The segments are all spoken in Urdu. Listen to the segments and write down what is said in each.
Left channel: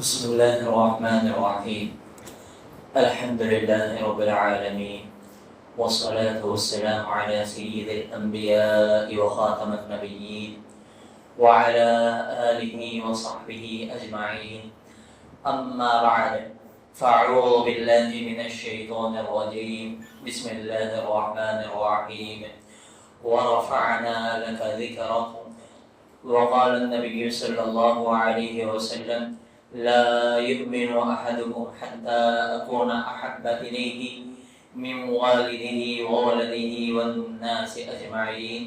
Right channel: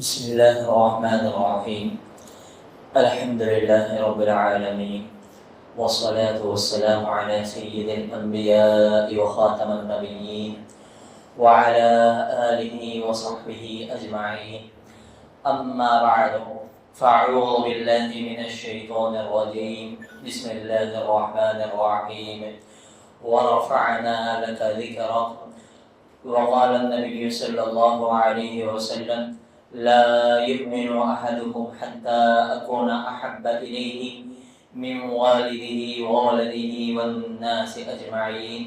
بسم الله الرحمن الرحيم الحمد لله رب العالمين والصلاة والسلام على سيد الأنبياء وخاتم النبيين وعلى آله وصحبه أجمعين أما بعد فأعوذ بالله من الشيطان الرجيم بسم الله الرحمن الرحيم ورفعنا لك ذكرك وقال النبي صلى الله عليه وسلم لا يؤمن أحدكم حتى أكون أحب إليه من والده وولده والناس أجمعين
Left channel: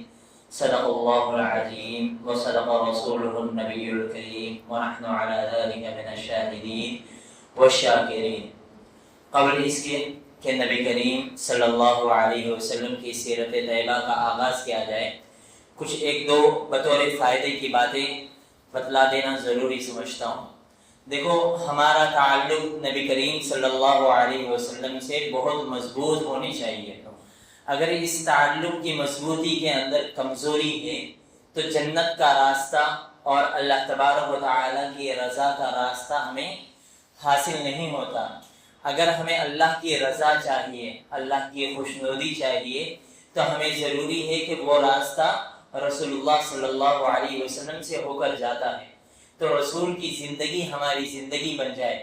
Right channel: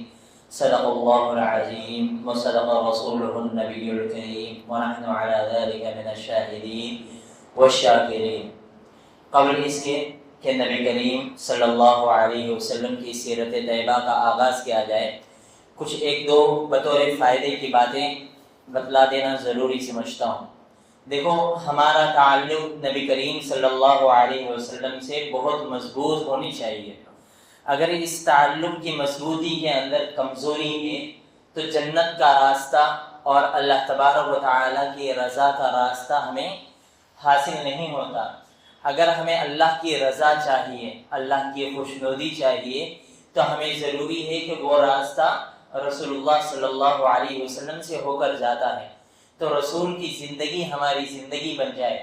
صدق الله العظيم وصدق رسوله النبي الكريم ونحن على ذلك من الشاهدين والشاکرین۔ قبل اس کے کہ نبی کریم صلی اللہ علیہ وسلم کی سیرت طیبہ کا آغاز کیا جائے، کچھ ایک دو بطور فائدے کی باتیں بتلا دینا ضروری سمجھتا ہوں۔ دیکھو، ہمارا تعلق نبی کریم صلی اللہ علیہ وسلم سے بہت مضبوط ہونی چاہیے۔ اگر اس تعلق کی مضبوطی کے اندر کمزوری ہے تو جنت کا راستہ اور اللہ تبارک و تعالیٰ کی رضا کا راستہ ہمیں حاصل نہیں ہوتا۔ اگر ہمیں اللہ کی رضا چاہیے، اللہ کی خوشنودی چاہیے، تو ہمیں ضروری ہے کہ وہ راستہ رسول اللہ صلی اللہ علیہ وسلم سے ہو کر جاتا ہے، تو رسول کی زندگی ہماری زندگی بن جائے،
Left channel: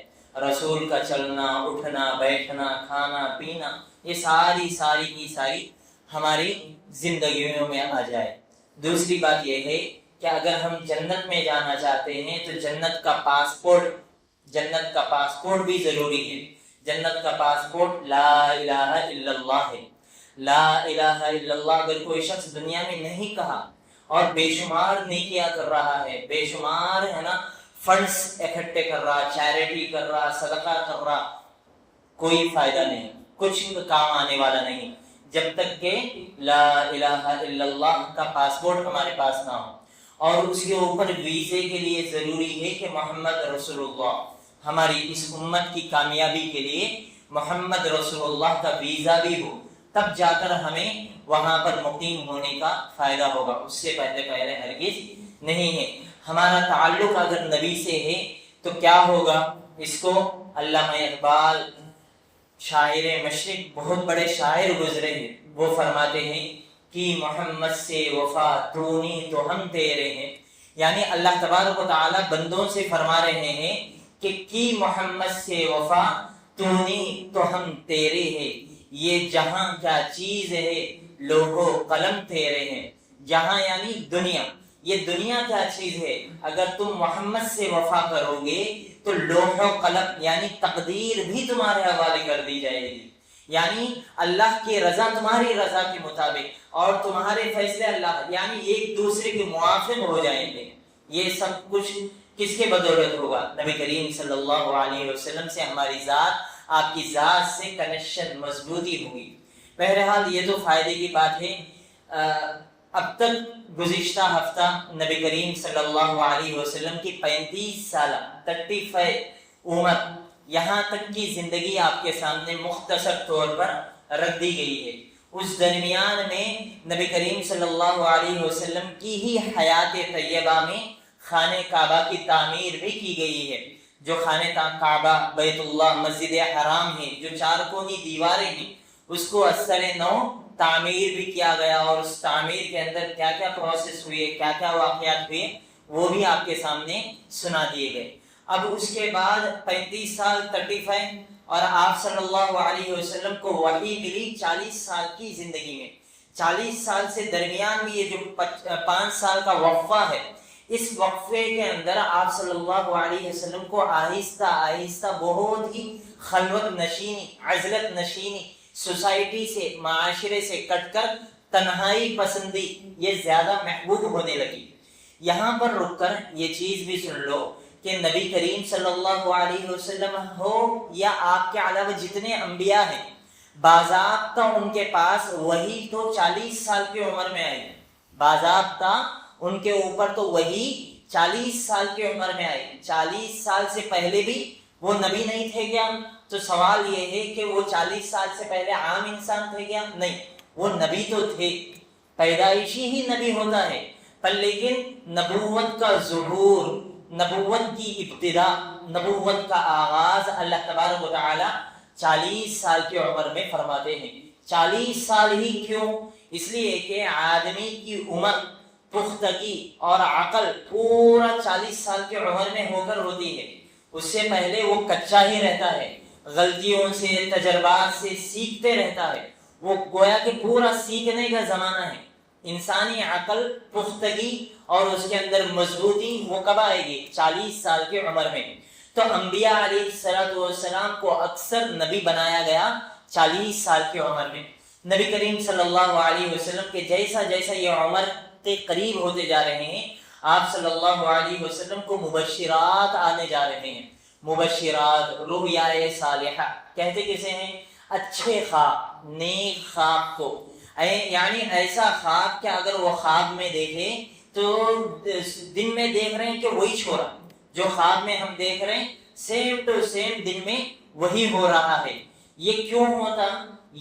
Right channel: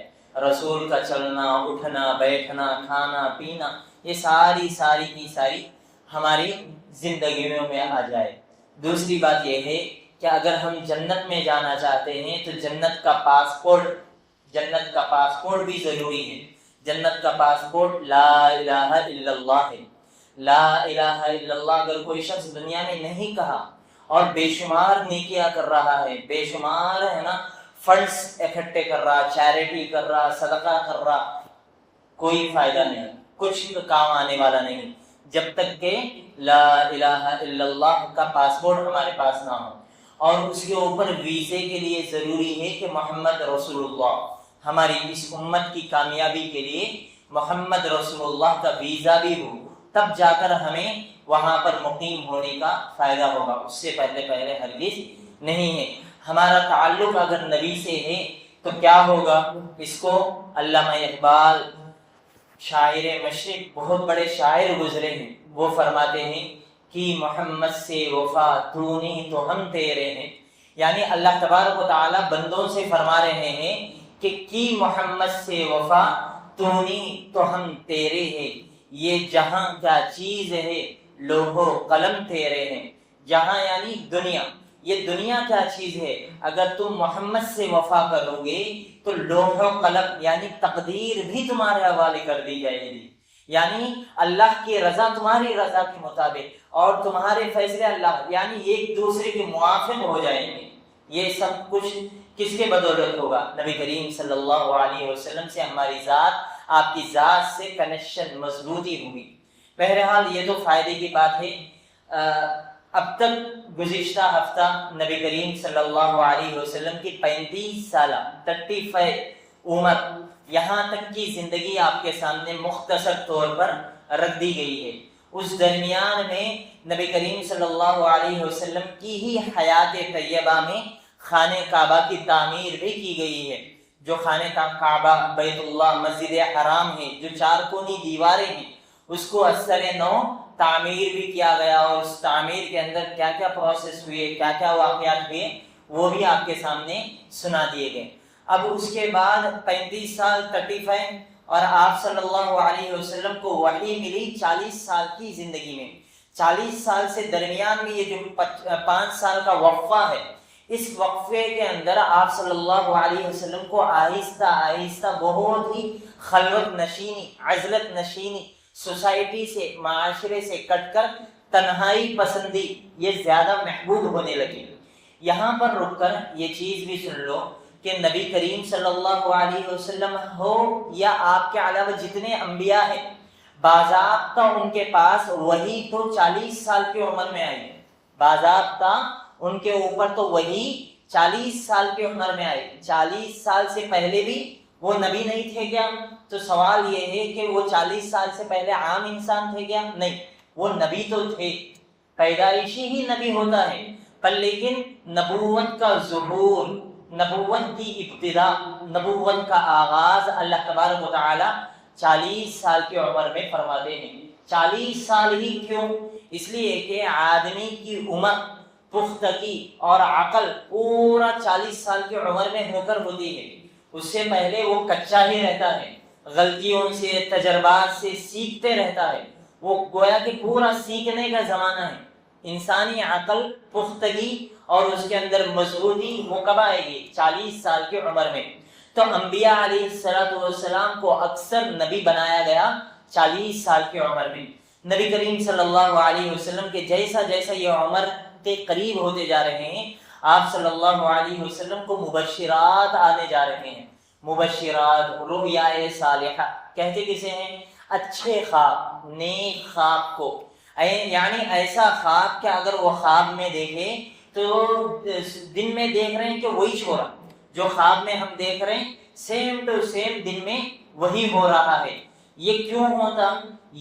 رسول کا چلنا اٹھنا بیٹھنا کھانا پینا یہ ساری کی ساری ہماری زندگیوں میں آ جائے۔ دوسری بات یہ ہے کہ اگر ہم جنت میں جانا چاہتے ہیں تو جنت کا پاسپورٹ بھی ضروری ہے۔ جنت کا پاسپورٹ لا الہ الا اللہ ہے۔ لا الہ الا اللہ اگر کوئی شخص دنیا میں نہیں کہا اور بے شمار نیکیاں کر رہا ہے، بے شمار فنڈز اکٹھے کر رہا، چیریٹی کر رہا، صدقہ کر رہا، کوئی فائدہ نہیں، کچھ کام آنے والا نہیں جب تک کہ لا الہ الا اللہ کا پاسپورٹ ہمارے پاس نہ ہو۔ اور اس کے اوپر ویزے کے لیے ضروری ہے کہ محمد رسول اللہ، ہماری اس امت کی کامیابی کے لیے محمد رسول اللہ کا ویزا بھی ہو، تب جا کر ہمیں وہاں پر مقیم ہونے کا فائدہ ہوگا، اس سے پہلے ہرگز نہیں ہے۔ ہمارا تعلق اگر نبی سے ہے تو کیا ہوگا؟ اس کو علامہ اقبال شاعر مشرق، بہت بڑے شاعر گزرے ہیں، وہ فرماتے ہیں کہ محمد سے وفا تو نہیں تو ہم تیرے ہیں۔ یعنی اللہ تبارک و تعالیٰ بندوں سے فرما رہے ہیں کہ کی محمد سے وفا تو نہیں تو ہم تیرے ہیں، یہ جہاں کیا چیز ہے لوح و قلم تیرے ہیں۔ جہاں یعنی دنیا، یہ دنیا کیا چیز ہے؟ اگر تم محمد سے وفا کرو گے تو لوح و قلم یعنی تقدیر بھی تمہارے حوالے کر دی جائے گی، یعنی اللہ کی رضا تمہاری رضا کے مطابق اور تمہارے فیصلے اللہ، یعنی ایک دوسرے کے موافق ہو جائیں گے۔ یہ سب کچھ کس کے بدولت ہوگا؟ نبی کریم صلی اللہ علیہ وسلم سے ہماری ذات، آپ کی ذات سے کنیکشن مضبوطی ہوگی۔ بہرحال یہ تو فائدے کی بات ہے۔ اب تک گزشتہ ہفتہ نبی کریم صلی اللہ علیہ وسلم کی 35 سالہ 35 عمر، یہاں تک کی زندگی آپ کے سامنے مختصر طور پر رکھ دی گئی ہے۔ اس درمیان میں نبی کریم صلی اللہ علیہ وسلم کی ہی حیات طیبہ میں خانہ کعبہ کی تعمیر بھی کی گئی ہے۔ جو خانہ کعبہ بیت اللہ مسجد حرام ہے، جو 4 کونی دیواریں ہیں، اس کو اثر نو تعمیر بھی کیا گیا، اور اس تعمیر کے اندر کیا کیا پروسیس ہوئے، کیا کیا واقعات ہوئے، وہ بھی آپ کے سامنے سنا دیے گئے۔ اب اس کے بعد 35 سال 35 اور آپ صلی اللہ علیہ وسلم کو وحی ملی 40 سال کی زندگی میں۔ 40 سال سے درمیان میں یہ جو 5 سال کا وقفہ ہے، اس وقفے کے اندر آپ صلی اللہ علیہ وسلم کو آہستہ آہستہ بہت ہی خلوت نشینی، عزلت نشینی، سوسائٹی سے معاشرے سے کٹ کر تنہائی پسندی یہ زیادہ محبوب ہونے لگی۔ یہاں پر رک کر یہ چیز بھی سن لو کہ نبی کریم صلی اللہ علیہ وسلم ہو یا آپ کے علاوہ جتنے انبیاء ہیں، باضابطہ ان کے پاس وہی تو 40 سال کی عمر میں آئی، باضابطہ ان کے اوپر تو وہی 40 سال کی عمر میں آئی۔ 40 سال سے پہلے بھی وہ نبی نہیں تھے کیا؟ تو سوال یہ ہے کہ وہ 40 سال سے پہلے عام انسان تھے کیا؟ نہیں، وہ نبی تو تھے، پیدائشی ہی نبی ہوتا ہے، پر لیکن نبوت کا ظہور نبوت کی ابتدا، نبوت کا آغاز اللہ تبارک و تعالی 40 سال کی عمر میں فرماتے ہیں۔ 40 سال ہی کیوں؟ اس لیے کہ آدمی کی عمر، پختگی اور عقل پورا 40 سال کی عمر میں ہو کر ہوتی ہے۔ اس سے پہلے وہ کچا ہی رہتا ہے، غلطیوں سے، تجربات سے سیکھتے رہتا ہے۔ وہ گویا کہ پورا سیکھنے کا زمانہ ہے۔ انسانی عقل، پختگی اور اس کے اندر مضبوطی وہ کب آئے گی؟ 40 سال کی عمر میں۔ تو انبیاء علیہ السلام کو اکثر نبی بنایا گیا 40 سال کی عمر میں۔ نبی کریم صلی اللہ علیہ وسلم کے جیسا جیسا یہ عمر کے قریب ہوتے جا رہے ہیں، آپ صلی اللہ علیہ وسلم کو مبشرات آنے جا رہے ہیں۔ مبشرات، رؤیا صالحہ کہتے کسے ہیں؟ اچھے خواب، نیک خواب کو، یعنی ایسا خواب کہ اگر وہ خواب میں دیکھے تو دن میں دیکھ رہے ہیں کہ وہی چھوڑا جو خواب میں ہم دیکھ رہے ہیں سیم ٹو سیم دن میں وہی ہو رہا ہے۔ یہ کیوں ہوتا؟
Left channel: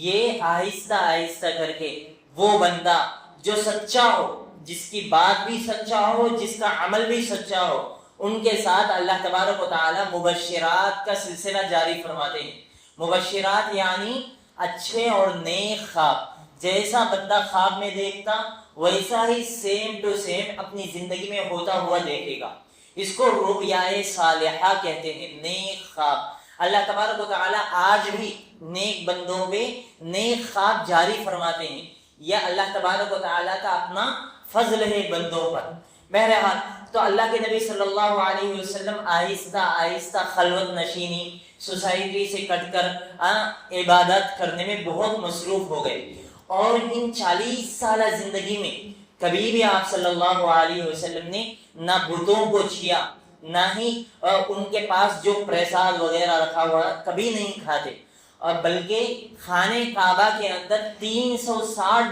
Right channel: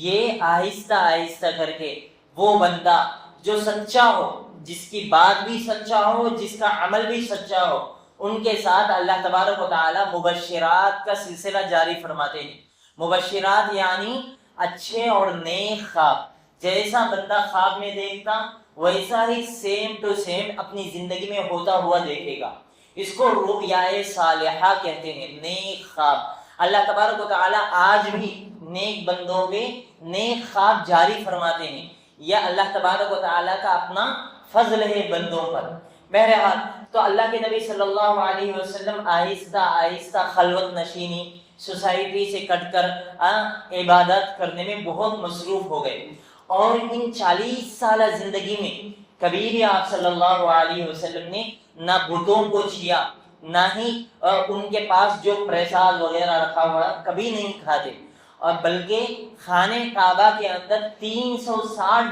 یہ آہستہ آہستہ کر کے وہ بندہ جو سچا ہو، جس کی بات بھی سچا ہو، جس کا عمل بھی سچا ہو، ان کے ساتھ اللہ تبارک و تعالی مبشرات کا سلسلہ جاری فرماتے ہیں۔ مبشرات یعنی اچھے اور نیک خواب، جیسا بندہ خواب میں دیکھتا ویسا ہی سیم ٹو سیم اپنی زندگی میں ہوتا ہوا دیکھے گا۔ اس کو رؤیا صالحہ کہتے ہیں، نیک خواب۔ اللہ تبارک و تعالیٰ آج بھی نیک بندوں پہ نیک خواب جاری فرماتے ہیں۔ یہ اللہ تبارک و تعالیٰ کا اپنا فضل ہے بندوں پر۔ بہرحال تو اللہ کے نبی صلی اللہ علیہ وسلم آہستہ آہستہ خلوت نشینی، سوسائٹی سے کٹ کر عبادت کرنے میں بہت مصروف ہو گئے، اور ان 40 سالہ زندگی میں کبھی بھی آپ صلی اللہ علیہ وسلم نے نہ بتوں کو چھیا، نہ ہی ان کے پاس جو پرساد وغیرہ رکھا ہوا کبھی نہیں کھاتے، اور بلکہ خانے کعبہ کے اندر 360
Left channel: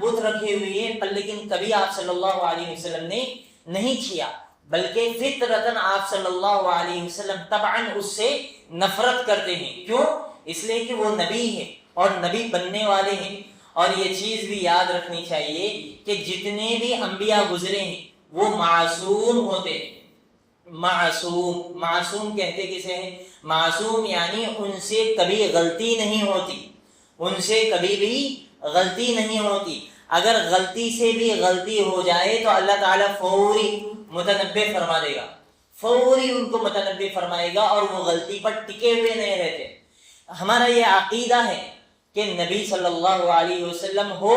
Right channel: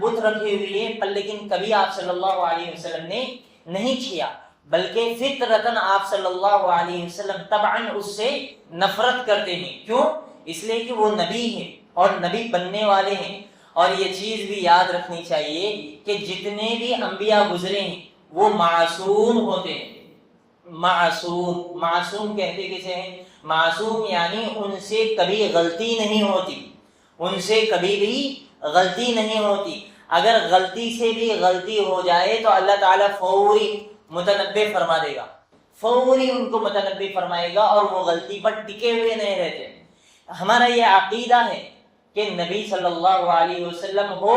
بت رکھے ہوئے ہیں، پر لیکن کبھی آپ صلی اللہ علیہ وسلم نے نہیں چھیا، بلکہ فطرتاً آپ صلی اللہ علیہ وسلم طبعاً اس سے نفرت کرتے ہیں۔ کیوں؟ اس لیے کہ وہ نبی ہیں اور نبی بننے والے ہیں۔ اور یہ چیز بھی یاد رکھنی چاہیے کہ جتنے بھی انبیاء گزرے ہیں وہ معصوم ہوتے ہیں۔ معصوم کہتے کسے ہیں؟ معصوم یعنی ان سے کبھی غلطی نہیں ہوتی، ان سے کبھی بھی غلطی نہیں ہوتی۔ اگر غلطی سے بھی غلطی ہو جائے تو اللہ تعالیٰ فوری متنبع فرما دے گا، فوری ان کو متنبع فرمائے گا، اور وہ غلطی پر ٹکے ہوئے نہیں رہتے۔ ہمارا یہ عقیدہ ہے کہ نبی صلی اللہ علیہ وسلم ہو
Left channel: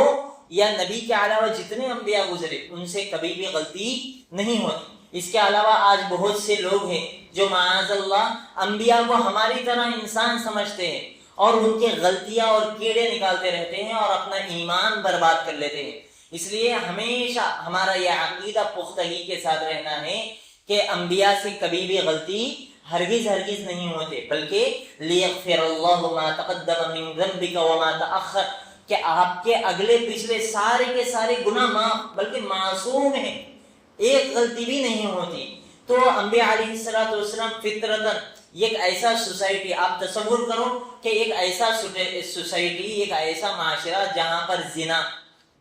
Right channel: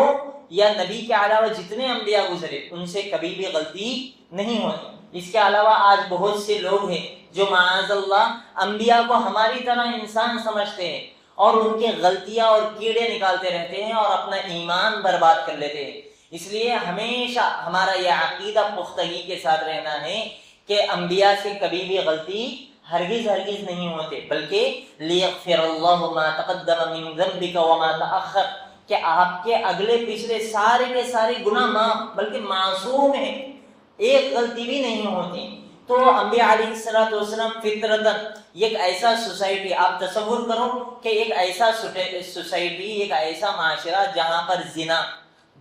یا نبی کے علاوہ جتنے انبیاء گزرے ان سے کبھی بھی غلطی نہیں ہوتی۔ اس کے علاوہ آج بہت سے لوگ ہیں جو معاذ اللہ انبیاء کو ہماری طرح انسان سمجھتے ہیں، اور ان کی غلطیاں اور کیڑے نکالتے رہتے ہیں اور اپنا ایمان برباد کر لیتے ہیں۔ اس لیے ہمیشہ ہمارا یہ عقیدہ پختگی کے ساتھ رہنا ہے کہ انبیاء سے کبھی بھی غلطی ہرگز نہیں ہوتے، بلکہ لیغفر اللہ ما تقدم من ذنبک وما تأخر، کہ آپ کے اگلے پچھلے سارے کے سارے گناہ معاف، بلکہ معصوم ہیں، ایک غلطی بھی نہیں ہوتی۔ تو انبیاء علیہ السلام فطرتاً ایک ایسا سوسائٹی، آپ تصور کرو کہ ایک ایسا سوسائٹی، ایک ایسا معاشرہ جہاں پر زنا،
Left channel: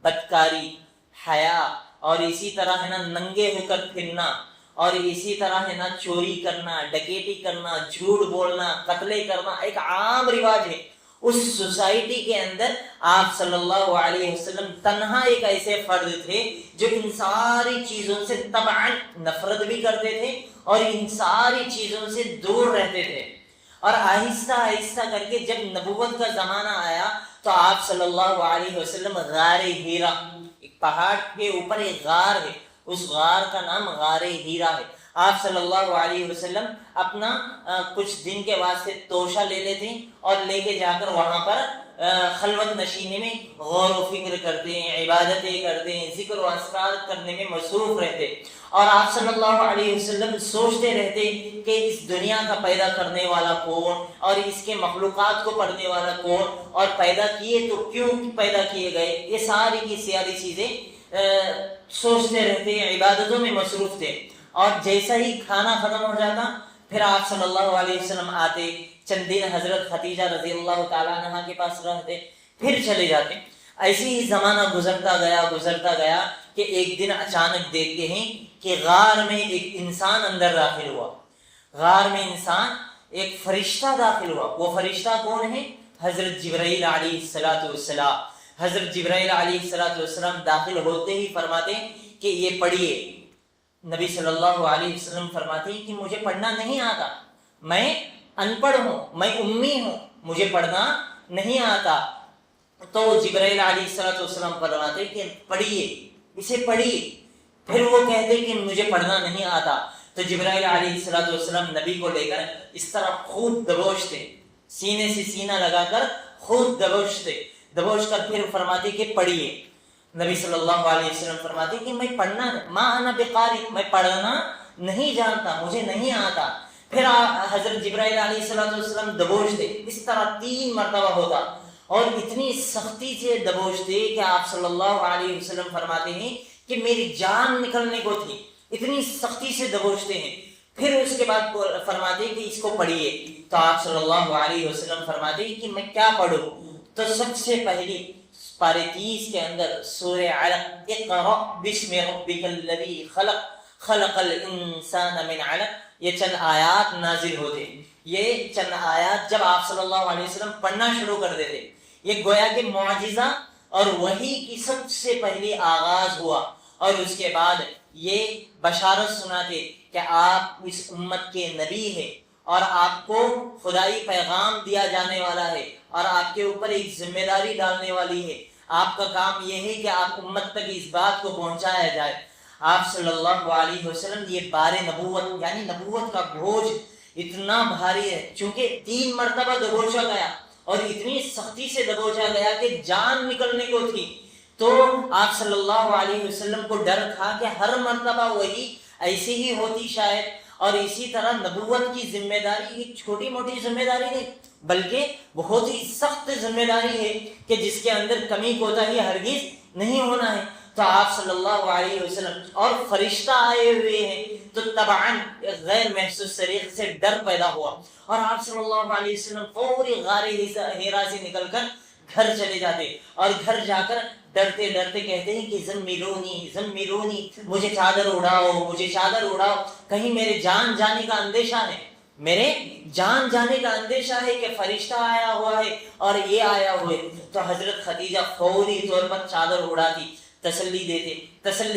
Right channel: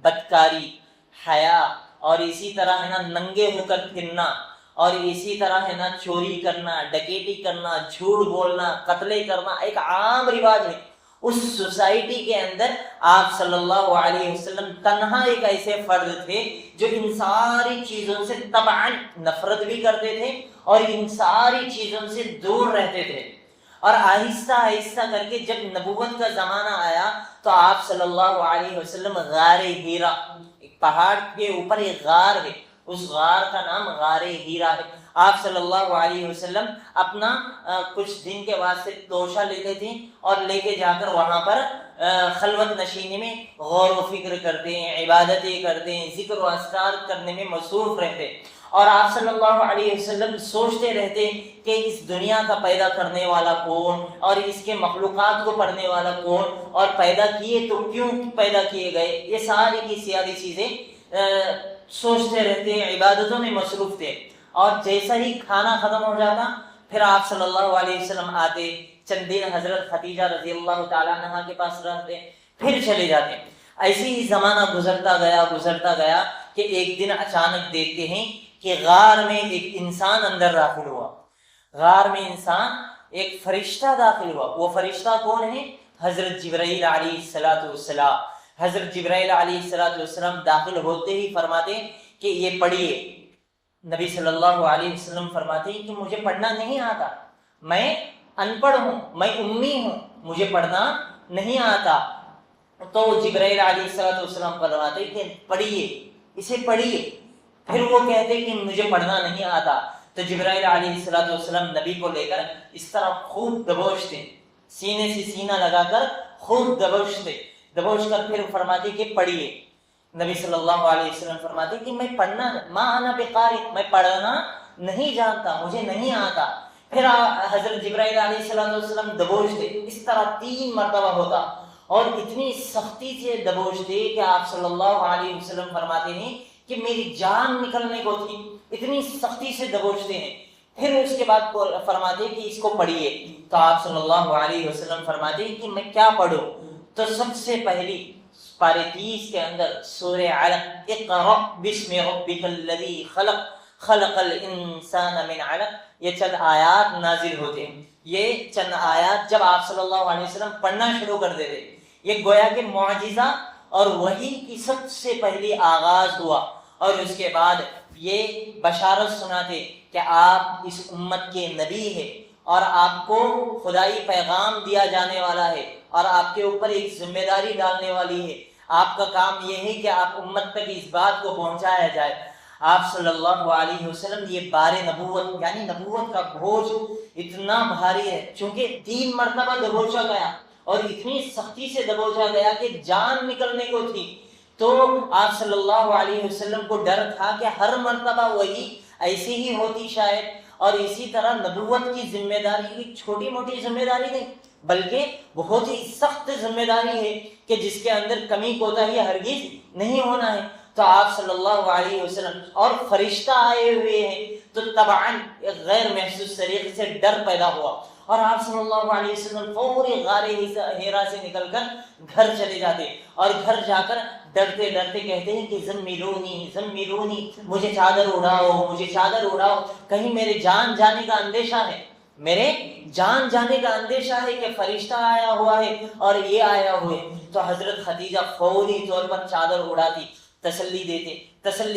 بدکاری، حیا، اور اسی طرح ہے نا ننگے ہو کر پھرنا، اور اسی طرح ہے نا چوری کرنا، ڈکیتی کرنا، جھوٹ بولنا، قتل کرنا ایک عام رواج ہے۔ اس سوسائٹی کے اندر آپ صلی اللہ علیہ وسلم تنہا ایک ایسے فرد تھے جو ان ساری چیزوں سے طبعاً نفرت بھی کرتے تھے اور ان ساری چیزوں سے دور رہتے تھے۔ اور آہستہ آہستہ کر کے جب نبوت کا زمانہ آیا تو آپ صلی اللہ علیہ وسلم غار ہیرا، ایک پہاڑ کے اوپر ایک غار ہے، اس غار کا نام غار ہیرا ہے۔ آپ صلی اللہ علیہ وسلم اپنا کچھ دن کے واسطے توشہ لے لیتے اور لے کے جا کر وہاں پر خلوت نشینے میں غور و فکر کرتے ہیں، عبادتیں کرتے ہیں، ذکر و اذکار کرنے میں مصروف رہتے، اور آپ صلی اللہ علیہ وسلم سوچتے رہتے کہ اس دنیا کا پیدا کرنے والا کون، اور اس کے مخلوقات کو پڑھنے والا کون، اور پیدا کیے تو کیوں پیدا کیے گئے، یہ ساری کی ساری چیزیں سوچتے رہتے، عبادتوں میں مصروف تھے۔ اور جیسا ہی کھانا ختم ہو جاتا پھر آپ صلی اللہ علیہ وسلم آتے، چند دن حضرت خدیجہ رضی اللہ تعالیٰ عنہا کے پاس رہتے، پھر چلے جاتے۔ ایسے ہی زمانہ گزرتا گیا کہ ایک دن اچانک دیکھتے ہیں کہ غار میں ایک انسان اندر داخل ہوا. غار میں انسان ایک فرشتہ داخل ہوا. وہ فرشتہ کون ہے؟ حضرت جبرائیل علیہ السلام. حضرت جبرائیل علیہ السلام داخل ہوتے ہی فرماتے ہیں کہ یہ پڑھیے. نبی صلی اللہ علیہ وسلم فرماتے ہیں کہ مجھے پڑھنا نہیں آتا, میں ان پڑھ ہوں, میں امی ہوں, مجھے پڑھنا نہیں آتا. تو جبرائیل علیہ السلام فرماتے ہیں کہ پڑھیے, اسے پڑھیے. پھر وہ کہتے کہ مجھے پڑھنا نہیں آتا. تو جبرائیل علیہ السلام نبی کو لے کر اس طرح خوب دبوچتے, سینے سے سینہ لگا کر خوب دبوچ کر پھر فرماتے کہ پڑھیے. نبی صلی اللہ علیہ وسلم فرماتے کہ میں پڑھنا ما انا بقاری, میں پڑھنا نہیں جانتا, مجھے نہیں آتا. پھر حضرت جبرائیل علیہ السلام دبوچتے, اس طرح 3 مرتبہ ہوتا اور اتنی سختی سے دبوچتے کہ آپ صلی اللہ علیہ وسلم فرماتے ہیں کہ میری جان نکلنے کو تھی, اتنی سختی سے دبوچتے ہیں. پھر اس کے بعد فرماتے کہ اس کو پڑھیے. تو آپ صلی اللہ علیہ وسلم فرماتے ہیں کہ میں کیا پڑھوں؟ تو سب سے پہلی پارے 30 کے اندر سورہ علق, اقرأ بسم ربک الذی خلق خلق الانسان من علق, یہ چند آیات نازل ہوتے ہیں. یہ چند آیات جب آپ صلی اللہ علیہ وسلم پڑھنا شروع کر دیتے, یہ گویا کہ معجزہ اور وحی کی سب سے پہلی آغاز ہوا. اور اس کے بعد یہ بشارت سناتے کہ آپ اس امت کے نبی ہیں اور آپ کو خدائی پیغام دیا جانے والا ہے اور آپ کے اوپر ایک ذمہ داری ڈالنے والی ہے. آپ کا کام یہ ہے کہ آپ امت تک اس بات کو پہنچایا جائے. آپ صلی اللہ علیہ وسلم یہ بار نبوت یعنی نبوت کا بوجھ اتنا بھاری ہے, چونکہ 3 مرتبہ دبوچا گیا اور اتنی سختی سے دبوچا گیا کہ جان نکلنے کو تھی. تو آپ صلی اللہ علیہ وسلم کو ڈر تھا کہ ہر مرتبہ وہی ایسی ہی ہوتی شاید. اور اسی طرح نبوت کی ذمہ داری ایک چھوٹی موٹی ذمہ داری نہیں, بلکہ بہت ہی سخت ذمہ داری ہے کہ جس کے اندر کمی کوتاہی ہرگز نہیں ہونا ہے. تو آپ صلی اللہ علیہ وسلم اور فرشتہ آئے ہوئے ہیں, تو طبعاً غیر محسوس طریقے سے ڈر پیدا ہوا اور آپ صلی اللہ علیہ وسلم فوری غار ہیرا سے نکل کر گھر چلے جاتے اور گھر جا کر ڈرتے ڈرتے کہتے ہیں کہ زملونی, مجھے چادر اڑاؤ, کہیں میرے جان جانے کا اندیشہ ہے کہ فرشتہ آیا ہوا ہے اور یہ آیا ہوا ہے. تو حضرت خدیجہ فوری طور پر چادر اڑاتی, تسلی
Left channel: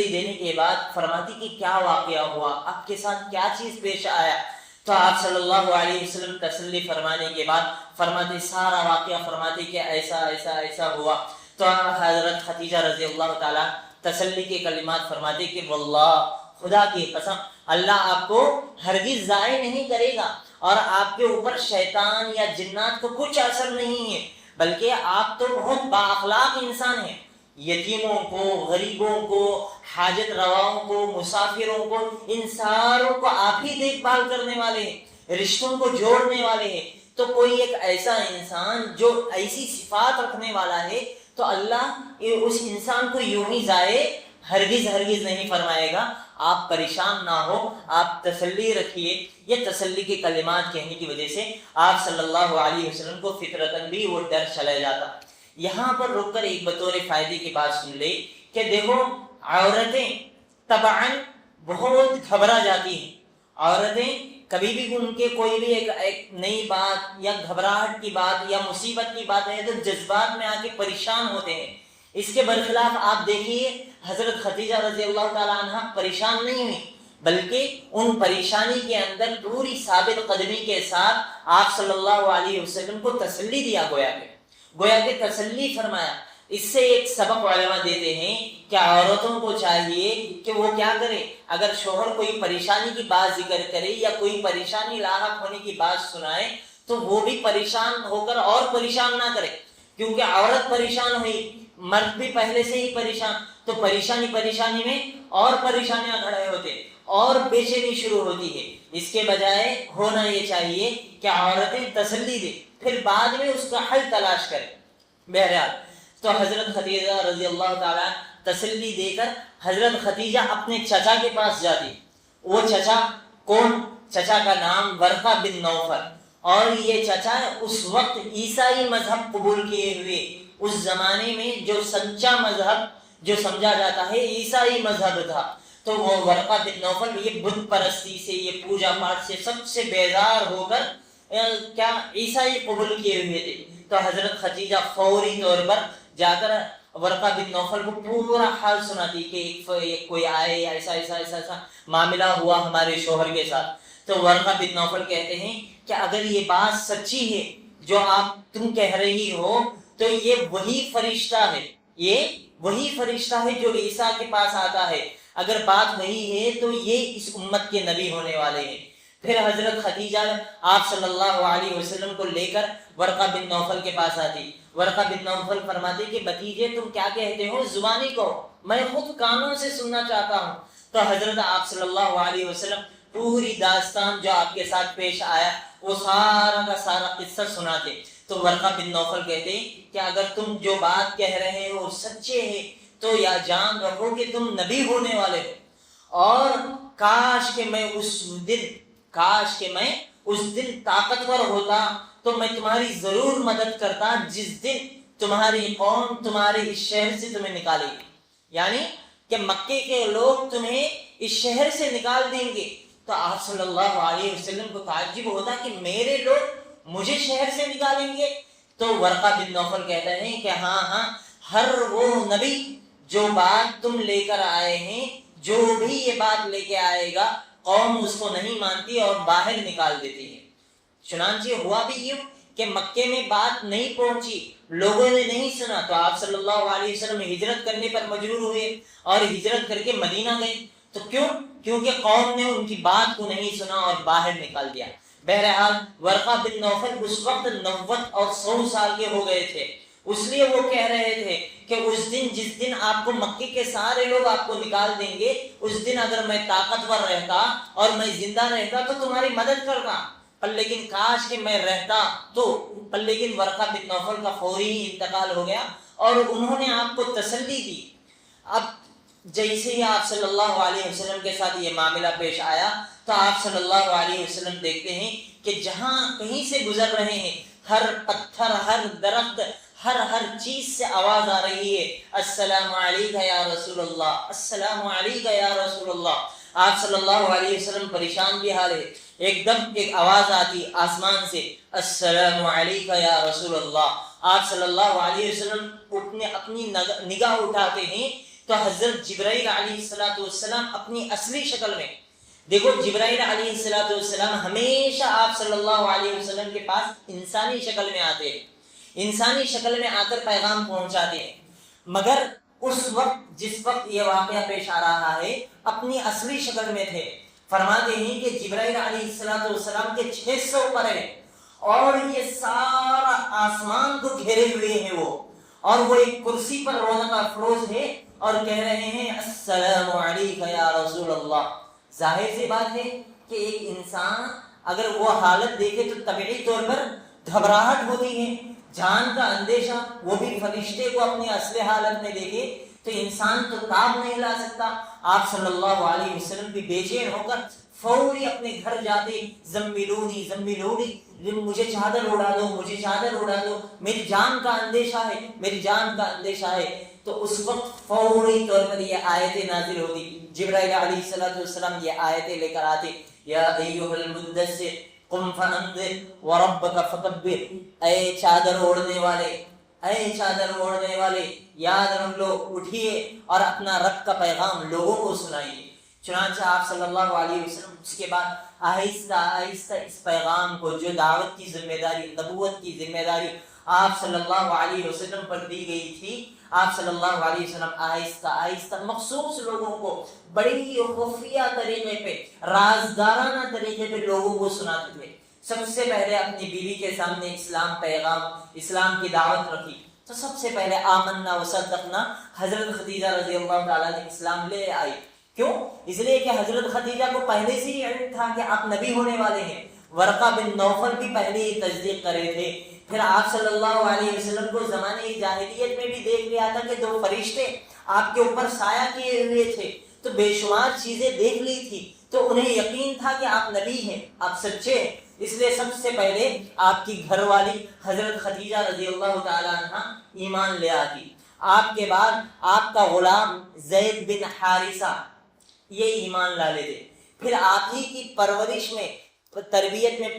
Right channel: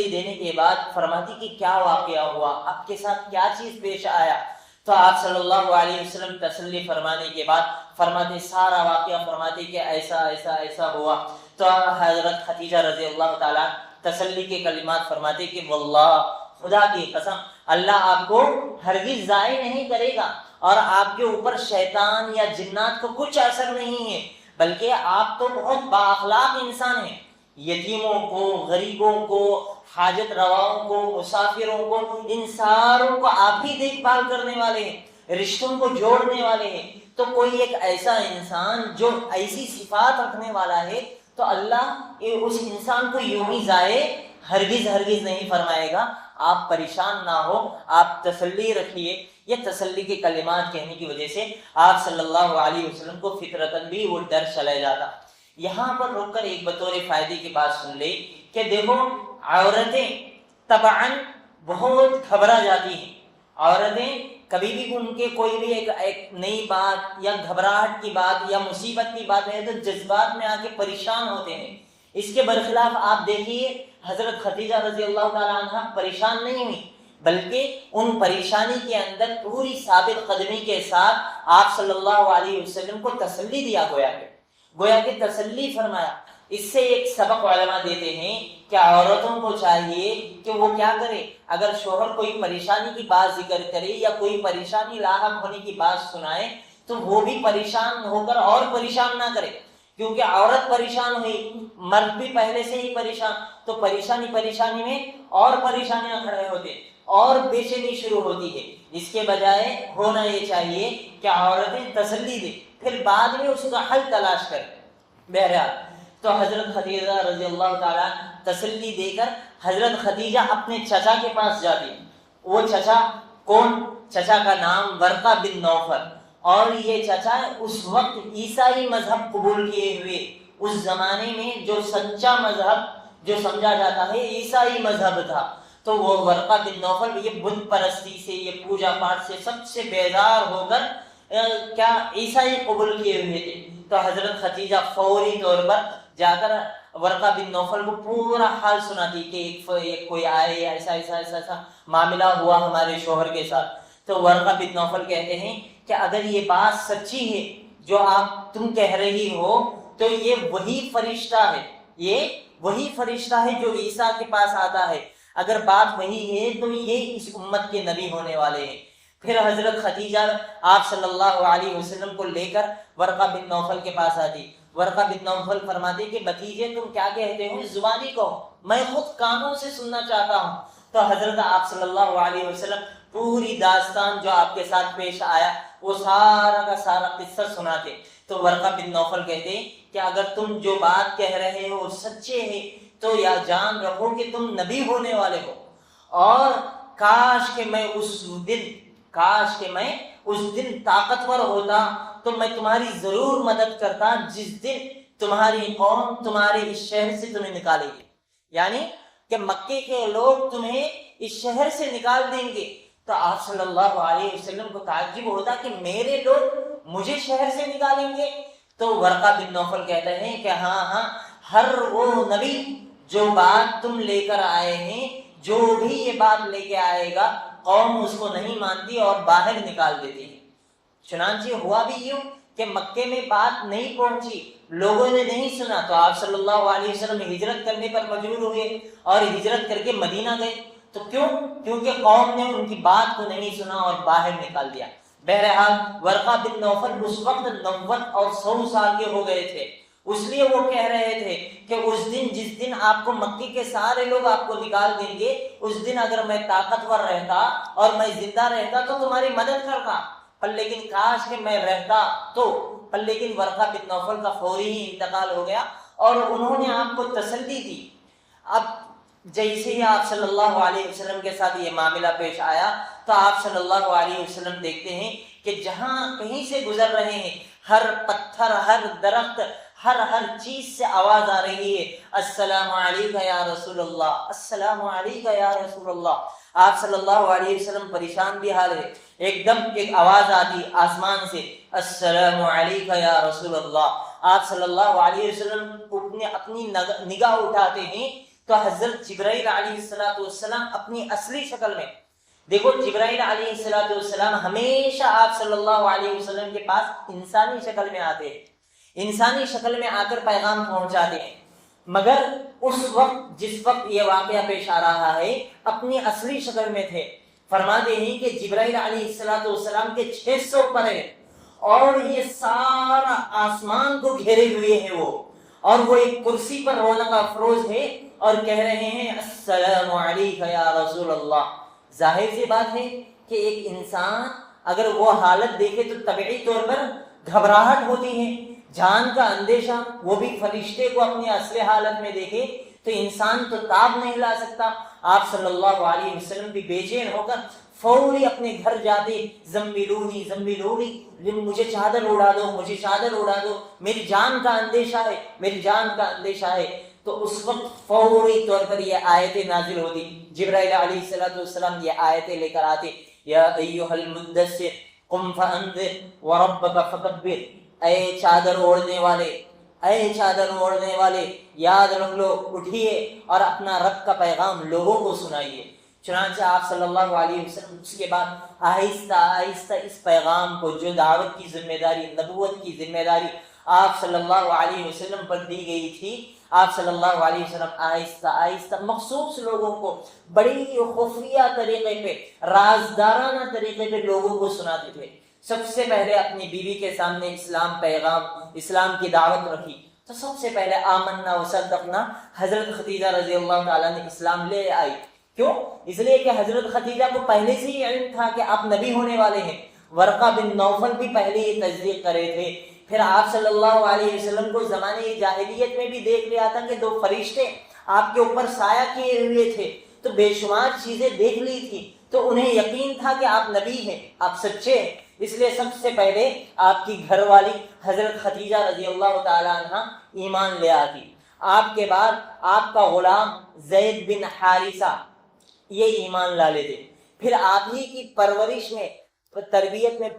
دینے کے بعد فرماتی کہ کیا واقعہ ہوا, آپ کے ساتھ کیا چیز پیش آیا. تو آپ صلی اللہ علیہ وسلم تسلی فرمانے کے بعد فرماتے سارا واقعہ فرماتے کہ ایسا ہوا. تو حضرت خدیجہ رضی اللہ تعالیٰ تسلی کے کلمات فرماتے کہ واللہ, خدا کی قسم, اللہ آپ کو ہرگز ضائع نہیں کرے گا اور آپ کے اوپر شیطان یا جنات کو کچھ اثر نہیں ہے, بلکہ آپ تو بہت با اخلاق انسان ہیں. یتیموں کو, غریبوں کو, حاجت رواؤں کو, مسافروں کو, ان ساروں کو آپ ہی دیکھ بھال کرنے والے ہیں, رشتوں کو جوڑنے والے ہیں. تو کوئی ایک ایسا انسان جو ایسی صفات رکھنے والا ہے, تو اللہ اس انسان کو یوں ہی ضائع ہرگز نہیں فرمائے گا. آپ پریشان نہ ہو, آپ تسلی رکھیے. یہ تسلی کے کلمات کہنے کی وجہ سے آپ صلی اللہ علیہ وسلم کو فطرتاً بھی وہ ڈر چلا جاتا. یہاں پر رک کر ایک بطور فائدے کی بات سن لے کہ دیکھو, عورتیں طبعاً بہت گھبرا جاتی ہیں. عورتیں کبھی بھی ان کے کوئی بھی ایک نئی بات یا گھبراہٹ کی بات یا مصیبت کی بات ہے تو جذبات میں آ کے پریشان ہوتے ہیں. اس کے برخلاف آپ دیکھیے حضرت خدیجہ رضی اللہ تعالیٰ عنہ پریشان نہیں ہوئی, بلکہ ان پریشانی کے اندر پوری ثابت قدمی کے ساتھ آپ صلی اللہ علیہ وسلم کو تسلی دیا, گویا کہ تسلی فرمایا. اس سے ایک سبق علماء دیتے ہیں کہ عورتوں کو چاہیے کہ وہ کیا کرے, اگر شوہر کوئی پریشانی کی بات ذکر کرے یا کوئی پریشانی لاحق ہونے کی بات سنائے تو وہ بھی پریشان ہو کر اور پریشان نہ کرے, کیونکہ عورت پریشان ہوئی, مرد بھی پہلے سے ہی پریشان, تو پریشانی میں اور پریشانیاں کھڑے ہوتے اور بے چینی شروع ہوتی ہے. اس کے بجائے ہونا یہ چاہیے کہ عورتیں تسلی دیں, پھر بعد میں اس کا حل تلاش کریں. بہرحال تو حضرت خدیجہ رضی اللہ تعالیٰ تسلی دے کر حضرت خدیجہ اپنے چچا کے پاس جاتی. وہ چچا کون؟ چچا کا نام ورقہ بن نوفل, اور یہ چچا اس وقت عیسائی مذہب قبول کیے ہوئے, اس زمانے میں جو سچا مذہب جو سمجھا جاتا ہے عیسائی مذہب تھا، تو وہ ورقہ بن نوفل یہ بت پرستی سے، یہ پوجا پاٹ سے سب سے بیزار ہو کر کیا عیسائی قبول کیے ہوئے تھے۔ تو حضرت خدیجہ فوری طور پر جا کر ورقہ بن نوفل کو پورا حال سناتی کہ ایک کوئی آئے، ایسا ایسا ایسا ایسا معاملہ ہوا ہمارے شوہر کے ساتھ۔ تو ورقہ بن نوفل کہتے ہیں کہ اگر یہ بات سچی ہے جو آپ تم کہہ رہی ہو، تو یہ وہی فرشتہ ہے، یہ وہی فرشتہ ہے جو عیسیٰ کے پاس آتا ہے، اگر بات وہی ہے تو یہ اس امت کے نبی ہونے والے ہیں۔ پھر حضرت خدیجہ آپ صلی اللہ علیہ وسلم کو لے کر ورقہ بن نوفل کے پاس آتی۔ ورقہ بن نوفل فرماتے کہ بھتیجے تم کیا کہتے ہو، زبانی کہو، میں خود کانوں سے سننا چاہتا ہوں۔ تو حضرت آپ صلی اللہ علیہ وسلم پوری داستان جو آپ کے ساتھ پیش آیا وہ سارا کا سارا قصہ سناتے۔ تو ورقہ بن نوفل کہتے کہ اگر تم جو بات کہہ رہے ہو سچے ہیں تو یا جان رکھو کہ تم نبی ہونے والے ہو، اور کاش کہ میں اس دن طاقتور ہوتا تو میں تمہاری ضرور مدد کرتا جس دن تمہاری قوم تمہارے اس شہر سے تمہیں نکالے گی، یعنی کہ مکے کے لوگ تمہیں اس شہر سے نکال دیں گے۔ تو آپ صلی اللہ علیہ وسلم کو تعجب ہوتا کہ میرے لوگ مجھے شہر سے نکالیں گے؟ تو ورقہ بن نوفل کہتے ہیں کہ ہاں ہر وہ نبی جو بات تم لے کر آئے ہیں، جو بھی یہ بات لے کے آئے گا قوم اس کو نہیں مانتی اور باہر نکال دیتی ہے۔ چنانچہ ہوا بھی یوں کہ مکے میں بات نہیں پہنچی، لوگوں نے نہیں سنا، تو آپ صلی اللہ علیہ وسلم ہجرت کرنے پر مجبور ہوئے اور ہجرت کر کے مدینہ گئے۔ تو کیونکہ قوم نے ان کی بات کو نہیں سنا اور باہر نکال دیا۔ بہرحال ورقہ بن نوفل اس وقت 90 اور 100 سال کے ہو گئے تھے، اس لیے وہ کہہ رہے تھے کہ اس دن جس دن آپ کو مکے کے سارے لوگ آپ کو نکال دیں گے، اس دن اگر میں طاقتور رہتا اور میں زندہ رہتا تو تمہاری مدد کرتا، پر لیکن کاش کہ میں رہتا تو۔ پر لیکن ورقہ بن نوفل کا فوری ہی انتقال ہو گیا اور انہوں نے آپ کو تسلی دی۔ اب جیسے ہی آپ صلی اللہ علیہ وسلم کے ساتھ یہ معاملہ پیش آیا تو آپ صلی اللہ علیہ وسلم دیکھتے ہیں کہ جہاں کہیں سے گزر رہے ہیں، ہر پتھر، ہر درخت، ہر چیز سے آواز آ رہی ہے، السلام علیکہ یا رسول اللہ، السلام علیکہ یا رسول اللہ۔ آپ صلی اللہ علیہ وسلم پریشان بھی حال ہے، ایک دم ایک آواز آتی آسمان سے، السلام علیکہ یا رسول اللہ۔ آپ صلی اللہ علیہ وسلم اپنی نگاہ اٹھاتے ہیں تو حضرت جبرائیل علیہ السلام اپنی اصلی شکل میں، دیکھو جبرائیل علیہ السلام ہمیشہ آپ صلی اللہ علیہ وسلم کے پاس انسانی شکل میں آتے ہیں، انسانی شکل میں آ کر پیغام پہنچاتے ہیں، مگر اس وقت جس وقت یہ واقعہ پیش آ رہا ہے اپنی اصلی شکل میں تھے۔ فرماتے ہیں کہ جبرائیل علیہ السلام کے 600 پر ہے اور یہ سارا آسمان کو گھیرے ہوئے ہیں وہ، اور وہ ایک کرسی پر رونق افروز ہے اور کہہ رہے ہیں السلام علیکہ یا رسول اللہ۔ ظاہر سی بات ہے کہ ایک انسان اگر وہ حالت دیکھے تو طبعی طور پر گھبراہٹ ہوتی ہے، جان کا اندیشہ، وہ بھی فرشتے کو اپنی اصل حالت میں دیکھے تو انسان تو تاب نہیں لا سکتا۔ آپ صلی اللہ علیہ وسلم بھی بے چین ہو کر فوری اپنے گھر جاتے، زملونی زملونی، مجھے چادر اڑا دو، مجھے چادر اڑا دو، میری جان کا اندیشہ ہے، میری جان کا اندیشہ ہے۔ تو اس وقت فوری طور پر یہ آیتیں نازل ہوتی، جبرائیل علیہ السلام یہ آیتیں لے کر آتے، یا ایھا المدثر قم فانذر وربک فکبر، اے چادر اوڑھنے والے، اے چادر اوڑھنے والے، یاد رکھ لو، اٹھیے اور اپنا رب کا پیغام لوگوں کو سنائیے۔ چنانچہ آپ صلی اللہ علیہ وسلم اس کے بعد آہستہ آہستہ اس پیغام کو، جو دعوت کی ذمہ داری، نبوت کی ذمہ داری آپ صلی اللہ علیہ وسلم پر دی گئی تھی، آپ صلی اللہ علیہ وسلم آہستہ آہستہ مخصوص لوگوں کو بڑی خفیہ طریقے پہ، رازدارانہ طریقے پہ لوگوں کو سناتے تھے۔ سب سے پہلے اپنی بیوی کے سامنے اسلام پیغام، اسلام کی دعوت رکھی تو سب سے پہلے آمنا وصدقنا، حضرت خدیجہ رضی اللہ تعالیٰ نے اسلام لے آئی۔ کیوں؟ اس لیے کہ حضرت خدیجہ کو پہلے سے ہی علم تھا کہ آپ نبی ہونے والے ہیں۔ ورقہ بن نوفل بھی پہلے ہی تصدیق کرے تھے۔ پھر آپ صلی اللہ علیہ وسلم کو زمانے جاہلیت میں بھی دیکھ لیا تھا کہ 2 فرشتے آپ کے اوپر سایہ کیے ہوئے تھے، تو بے شمار چیزیں دیکھ لی تھی، تو انہیں یقین تھا کہ آپ نبی ہیں، آپ سچے ہیں۔ اس لیے سب سے پہلے آپ کی گھر والی حضرت خدیجہ رضی اللہ تعالی عنہ ایمان لے آتی۔ آپ کے بعد آپ کا غلام زید بن حارثہ یہ ایمان لا لیتے. پھر آپ ہی کی پرورش میں تربیت میں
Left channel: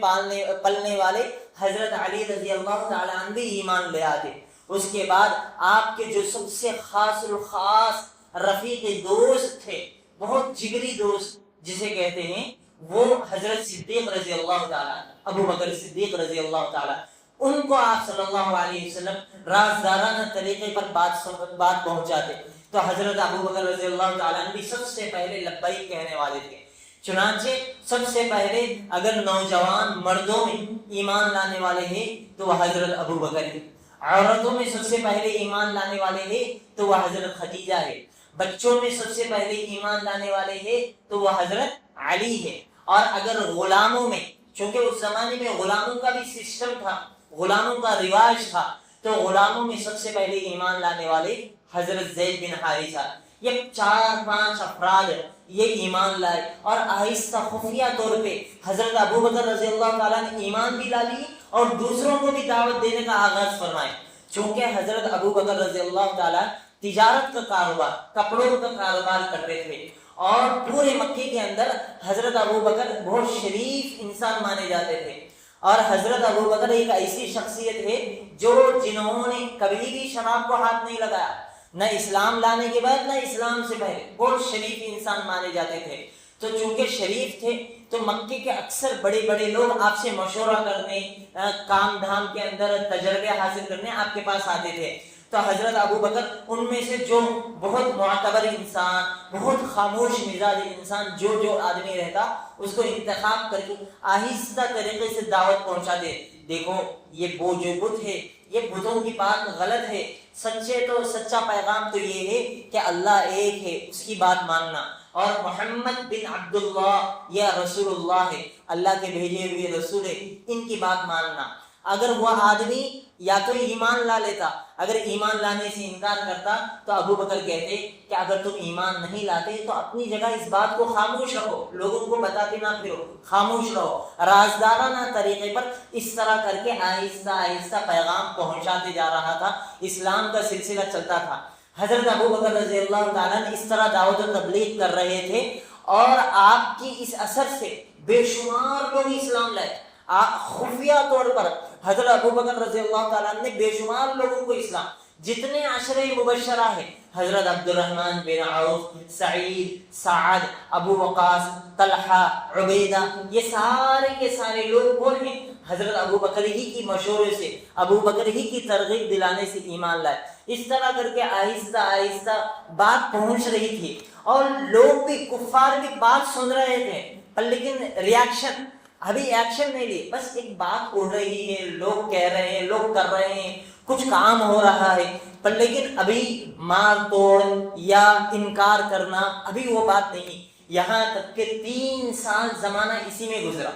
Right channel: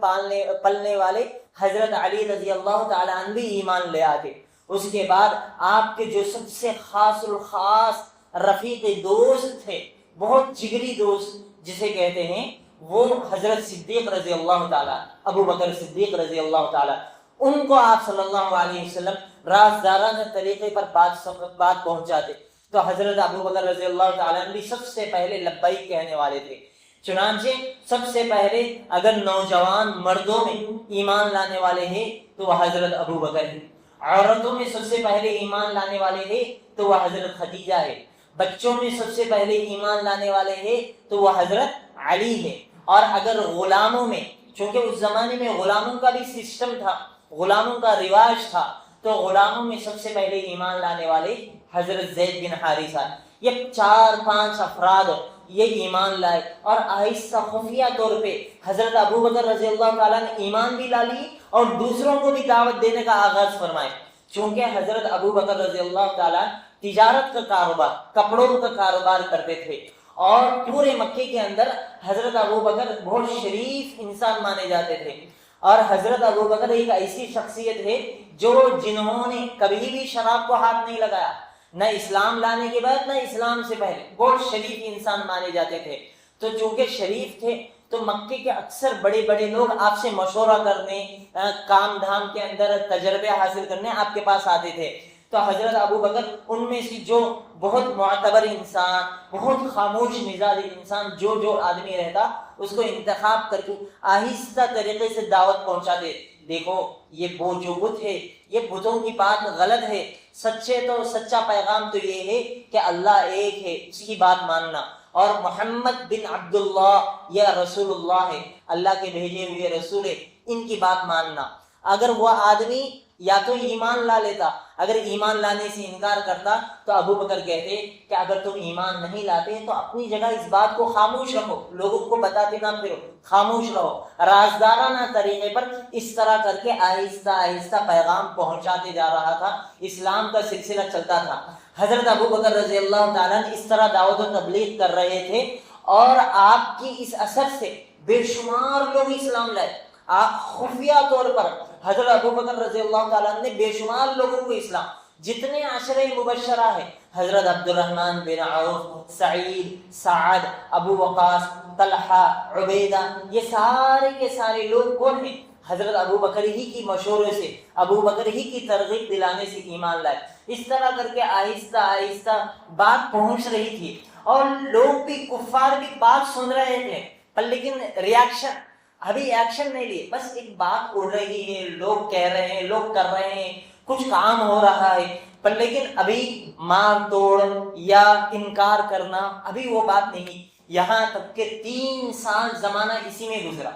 پلنے والے حضرت علی رضی اللہ تعالیٰ عنہ بھی ایمان لے آتے. اس کے بعد آپ کے جو سب سے خاص الخاص رفیق دوست تھے، بہت جگری دوست جسے کہتے ہیں، وہ حضرت صدیق رضی اللہ تعالیٰ، ابو بکر صدیق رضی اللہ تعالیٰ، ان کو آپ صلی اللہ علیہ وسلم رازدارانہ طریقے پر بات پہنچاتے. تو حضرت ابو بکر رضی اللہ تعالیٰ بھی سب سے پہلے لبیک کہنے والے تھے. چنانچہ سب سے پہلے اگر نوجوان مردوں میں ایمان لانے والے ہیں تو وہ حضرت ابو بکر ہے. عورتوں میں سب سے پہلے ایمان لانے والے ہیں تو وہ حضرت خدیجہ ہے. بچوں میں سب سے پہلے ایمان لانے والے ہیں تو وہ حضرت علی ہے. اور اگر غلاموں میں، چونکہ اس زمانے میں غلاموں کا بھی سسٹم تھا، غلاموں کا رواج تھا، تو غلاموں میں سب سے پہلے ایمان لانے والے حضرت زید بن حارثہ. یہ 4-5 افراد یہ ایمان لائے اور آہستہ خفیہ طور پہ حضرت ابو بکر رضی اللہ تعالیٰ نے ایمان بھی لا لی اور دوسروں کو بھی دعوت دینے کا آغاز فرمائے. چونکہ حضرت ابو بکر رضی اللہ تعالیٰ تجارت کا کاروبار، کپڑوں کا کاروبار کرتے تھے اور پورے مکے کے اندر حضرت ابو بکر بہت شریف انسان مانے جاتے تھے. اور حضرت ابو بکر ایک ایسی شخصیت ہے جنہوں نے کبھی بھی شراب کو ہاتھ نہیں لگایا، نہ اسلام لانے کے بعد نہ اسلام سے پہلے. بہت شریف انسان مانے جاتے تھے. تو چونکہ شریف تھے تو مکے کے اکثر بڑے بڑے لوگ آپ سے مشورہ کرنے، کام دھام کے اندر تجربے حاصل کرنے آپ کے پاس آتے تھے. تو حضرت ابو بکر ان میں سے جو بہت معتبر انسان، بہت خاموش مزاج انسان، جو آدمی رہتا اس کو انتخاب کر کے آہستہ طریقے سے دعوت پہنچاتے. دیکھو یہ وہ جو بت ہے، یہ بتوں کی بات غلط ہے، سچا پیغام تو یہ ہے کہ اللہ ایک ہے، اس کی بات ماننا، اور محمد بن عبداللہ یا رسول اللہ ہے، اللہ کے بھیجے ہوئے رسول ہے، ان کی بات ماننا. اگر وہ آدمی یا تو ایمان لا لیتا، اگر ایمان لانے سے انکار کرتا تو ابو بکر کہتے کہ اگر تم ایمان نہیں لاتے تو اپنی جگہ اس بات کو خاموش رکھو، لوگوں کو بتاتے نہ پھرو، خاموش رہو. رازدارانہ طریقے پر اس طرح کر کے آہستہ آہستہ پیغام پہنچاتے جا رہا تھا. اسلام کا سلسلہ چلتا تھا. حضرت ابو بکر رضی اللہ تعالیٰ نے اس طرح دعوت و تبلیغ کر رہے تھے اور آپ کی اس اثر سے بے شمار لوگ اسلام لائے. خفیہ طور پر حضرت ابو بکر رضی اللہ تعالیٰ نے بے شمار لوگوں کو اسلام، جتنے عشرہ مبشرہ ہیں، حضرت عبد الرحمن بن عوف، سعید، سعد، ابو وقاص، طلحہ، عبیدہ، یہ سارے کے سارے لوگ کون ہیں؟ حضرت ابو بکر ہی کی مشورے سے، ابو بکر ہی کی ترغیب دلانے سے ایمان لائے. اس طرح کر کے آہستہ آہستہ بات پہنچ رہی تھی اور لوگ بھی، کفار بھی بات سن رہے تھے، پر لیکن ریاکشن، ابھی ایکشن نہیں لیے. بس ایک بات اڑ رہی ہے، لوگ کہہ رہے ہیں، لوگ کر رہے ہیں، کچھ کام ہو رہا ہے، پر لیکن ابھی مار توڑ یا انکار کرنا ابھی وہ بات نہیں. یہاں تک کہ 3 سال زمانہ اسی میں گزرا.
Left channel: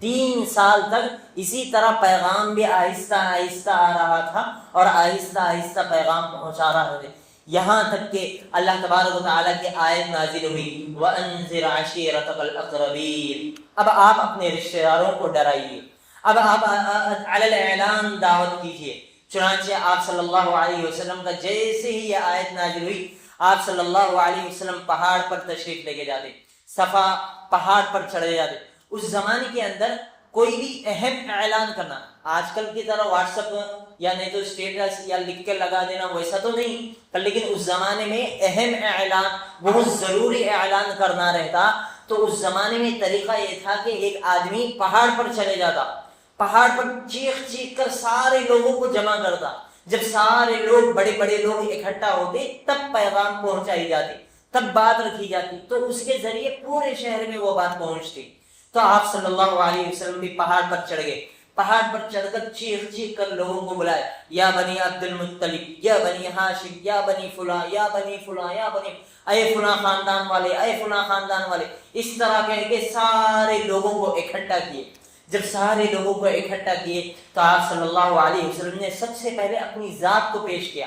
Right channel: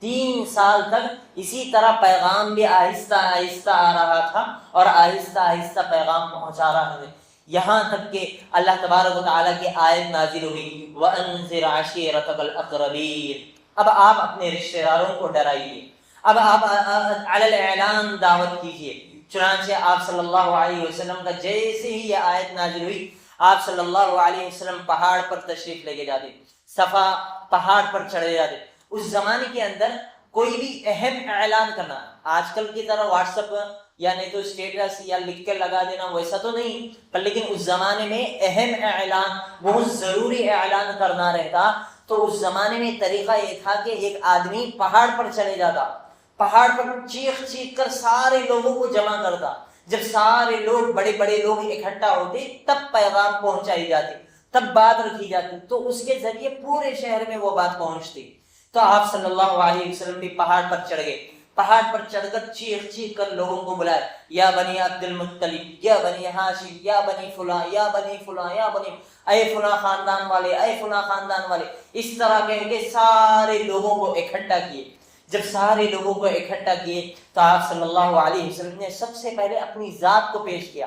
3 سال تک اسی طرح پیغام بھی آہستہ آہستہ آ رہا تھا اور آہستہ آہستہ پیغام پہنچا رہا تھا. یہاں تک کہ اللہ تبارک و تعالیٰ کی آیت نازل ہوئی، وَأَنذِرْ عَشِيرَتَكَ الْأَقْرَبِينَ. اب آپ اپنے رشتہ داروں کو ڈرائیے، اب آپ علی الاعلان دعوت کیجیے. چنانچہ آپ صلی اللہ علیہ وسلم کا جیسے ہی یہ آیت نازل ہوئی، آپ صلی اللہ علیہ وسلم پہاڑ پر تشریف لے کے جاتے، صفا پہاڑ پر چڑھے جاتے. اس زمانے کے اندر کوئی بھی اہم اعلان کرنا، آج کل کی طرح واٹس ایپ یا نہیں تو اسٹیٹس یا لکھ کے لگا دینا ویسا تو نہیں، پر لیکن اس زمانے میں اہم اعلان، بہت ضروری اعلان کرنا رہتا تو اس زمانے میں طریقہ یہ تھا کہ ایک آدمی پہاڑ پر چلے جاتا، پہاڑ پر چیخ چیخ کر سارے لوگوں کو جمع کرتا. جب سارے لوگ، بڑے بڑے لوگ اکٹھا ہوتے تب پیغام پہنچائی جاتی، تب بات رکھی جاتی، تو اس کے ذریعے پورے شہر میں وہ بات پہنچتی. تو آپ صلی اللہ علیہ وسلم بھی پہاڑ پر چڑھ گئے. پہاڑ پر چڑھ کر چیخ چیخ کر لوگوں کو بلائے، یا بنی عبد المطلب، یا بنی ہاشم، یا بنی فلاں، یا بنی فلاں، یا بنی، اے فلاں خاندان والے، اے فلاں خاندان والے. اس طرح کہہ کے سارے لوگوں کو اکٹھا کیے. جب سارے لوگوں کو اکٹھا کیے تو آپ صلی اللہ علیہ وسلم نے سب سے پہلے اپنی ذات کو پیش کیا.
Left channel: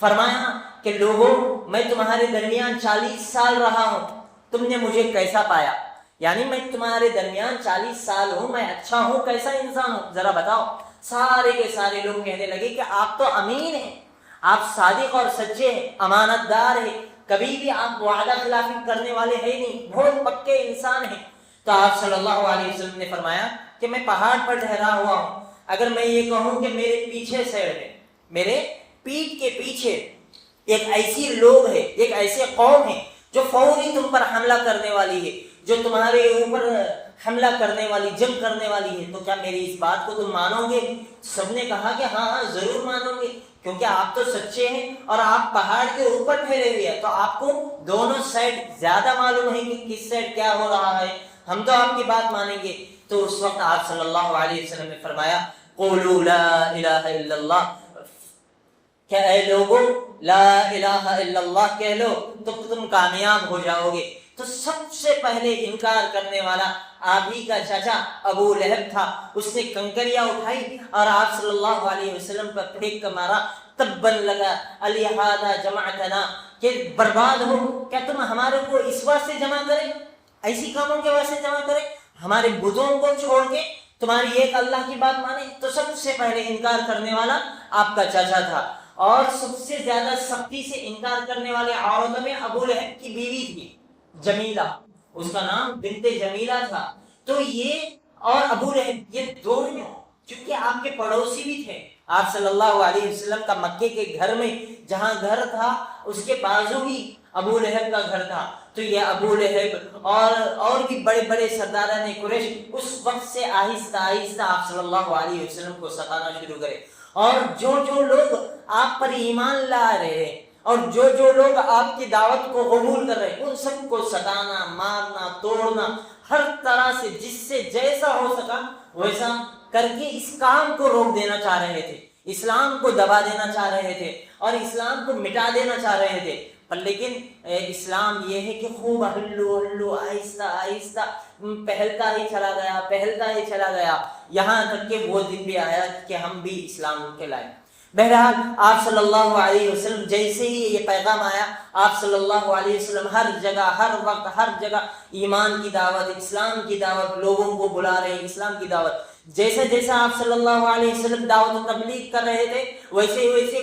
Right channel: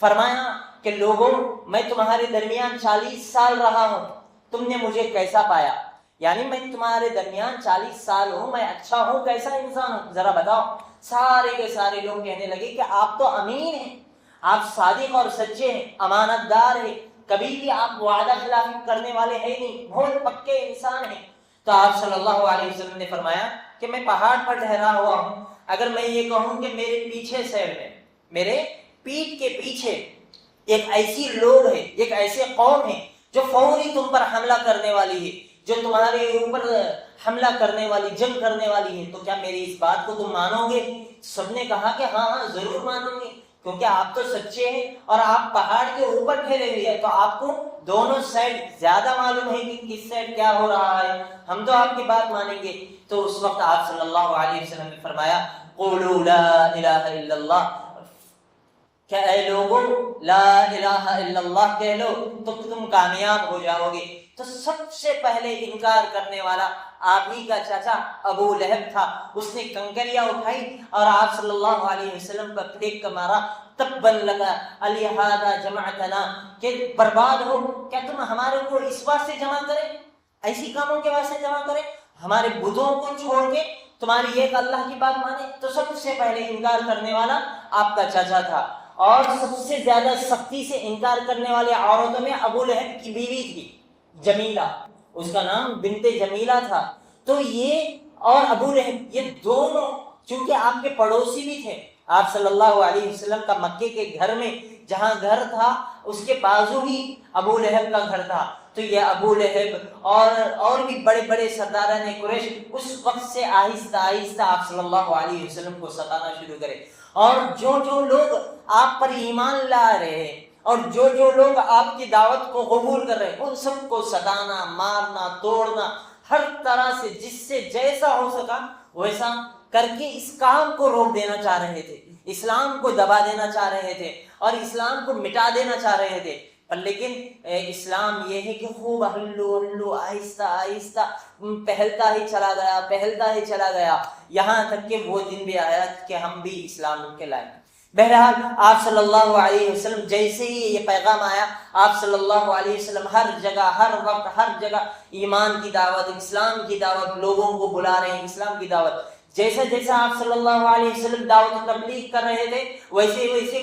فرمایا کہ لوگوں، میں تمہارے درمیان 40 سال رہا ہوں، تم نے مجھے کیسا پایا؟ یعنی میں تمہارے درمیان 40 سال ہوں، میں اچھا ہوں، کیسا انسان ہوں، ذرا بتاؤ. سارے کے سارے لوگ کہنے لگے کہ آپ تو امین ہیں، آپ صادق اور سچے ہیں، امانت دار ہیں، کبھی بھی آپ وعدہ خلافی کرنے والے ہیں نہیں، بہت پکے انسان ہیں۔ تو آپ صلی اللہ علیہ وسلم نے فرمایا کہ میں پہاڑ پر ٹھہرا ہوا ہوں، اگر میں یہ کہوں کہ میرے پیچھے سائڈ ہے، میرے پیٹھ کے پیچھے ایک ایسی لوگ ہے، ایک ایسے قوم ہے جو فوری تم پر حملہ کرنے والی ہے، جو تمہارے اوپر حملہ کرنے والی، جنگ کرنے والی ہے، تو کیا میری اس بات کو تم مانو گے؟ سب نے کہا کہ ہاں ہاں ضرور مانوں گے، کیونکہ آپ تو سچے ہیں اور آپ پہاڑ کے اوپر ٹھہرے ہوئے ہیں، تو آپ کو دونوں سائڈ زیادہ معلوم ہے کہ کس سائڈ کیا ہو رہا ہے، ہم تو آپ کی بات مانیں گے۔ تو اس وقت آپ صلی اللہ علیہ وسلم نے فرمایا قولوا لا الہ الا اللہ، کہ اے لوگوں لا الہ الا اللہ کہہ لو تو تم کامیاب ہو جاؤ گے۔ تو سب سے پہلے انکار کرنے والا آپ ہی کا چاچا ابو لہب تھا، اس نے کنکریاں اٹھائی اور آپ صلی اللہ علیہ وسلم پر پھینک کر مارا، تبا لگا الہذا جمعتنا، کہ برباد ہو، کیا تم ہمارے کو اس واسطے جمع کرے، ایسی کاموں کے واسطے جمع کرے، ہمارے بتوں کو چھوڑ کے تمہاری ایک اللہ کی بات مانے۔ تو سب سے پہلے انکار کرنے والا آپ کا چاچا تھا، اور سب سے زیادہ سختی سے انکار کرنے والے عورتوں میں ابو لہب کی بیوی تھی جمیلہ، اس کا نام بنت جمیلہ تھا۔ تو یہ اور ابو لہب، یہ دونوں چونکہ آپ کے پڑوسی بھی تھے، آپ صلی اللہ علیہ وسلم کا مکے کے گھر میں جہاں گھر تھا اس کے بازو ہی ابو لہب کا گھر تھا۔ تو یہ ابو لہب اور بھی بڑے بڑے سرداران قریش اس وقت سے آہستہ آہستہ آپ صلی اللہ علیہ وسلم کو ستانا شروع کرے، اور جو لوگ آپ پر ایمان لا رہے ہیں اور جو لوگ آپ کی دعوت کو قبول کر رہے ہیں، ان سب کو ستانا، مارنا، توڑنا، ہر طرح سے جس سے جیسا ہو سکا ویسا کر کے اس کام کو روک دینا چاہ رہے تھے، اسلام کو دبا دینا چاہ رہے تھے اور اسلام کو مٹا دینا چاہ رہے تھے۔ پر لیکن اسلام یہ ہے کہ خوب ہلو آہستہ آہستہ پہلتا ہی چلا گیا، یہاں تک کہ وہ دن بھی آیا کہ ہم بھی اسلام کے لائے۔ بہرحال آپ صلی اللہ علیہ وسلم جیسے ہی یہ پیغام آیا، آپ صلی اللہ علیہ وسلم ہر جگہ، ہر وقت، ہر جگہ ایمان کی دعوت، اسلام کی دعوت، لوگوں کو بلا رہے ہیں اسلام کی دعوت۔ جیسے جیسے آپ صلی اللہ علیہ وسلم دعوت و تبلیغ کر رہے تھے، ویسے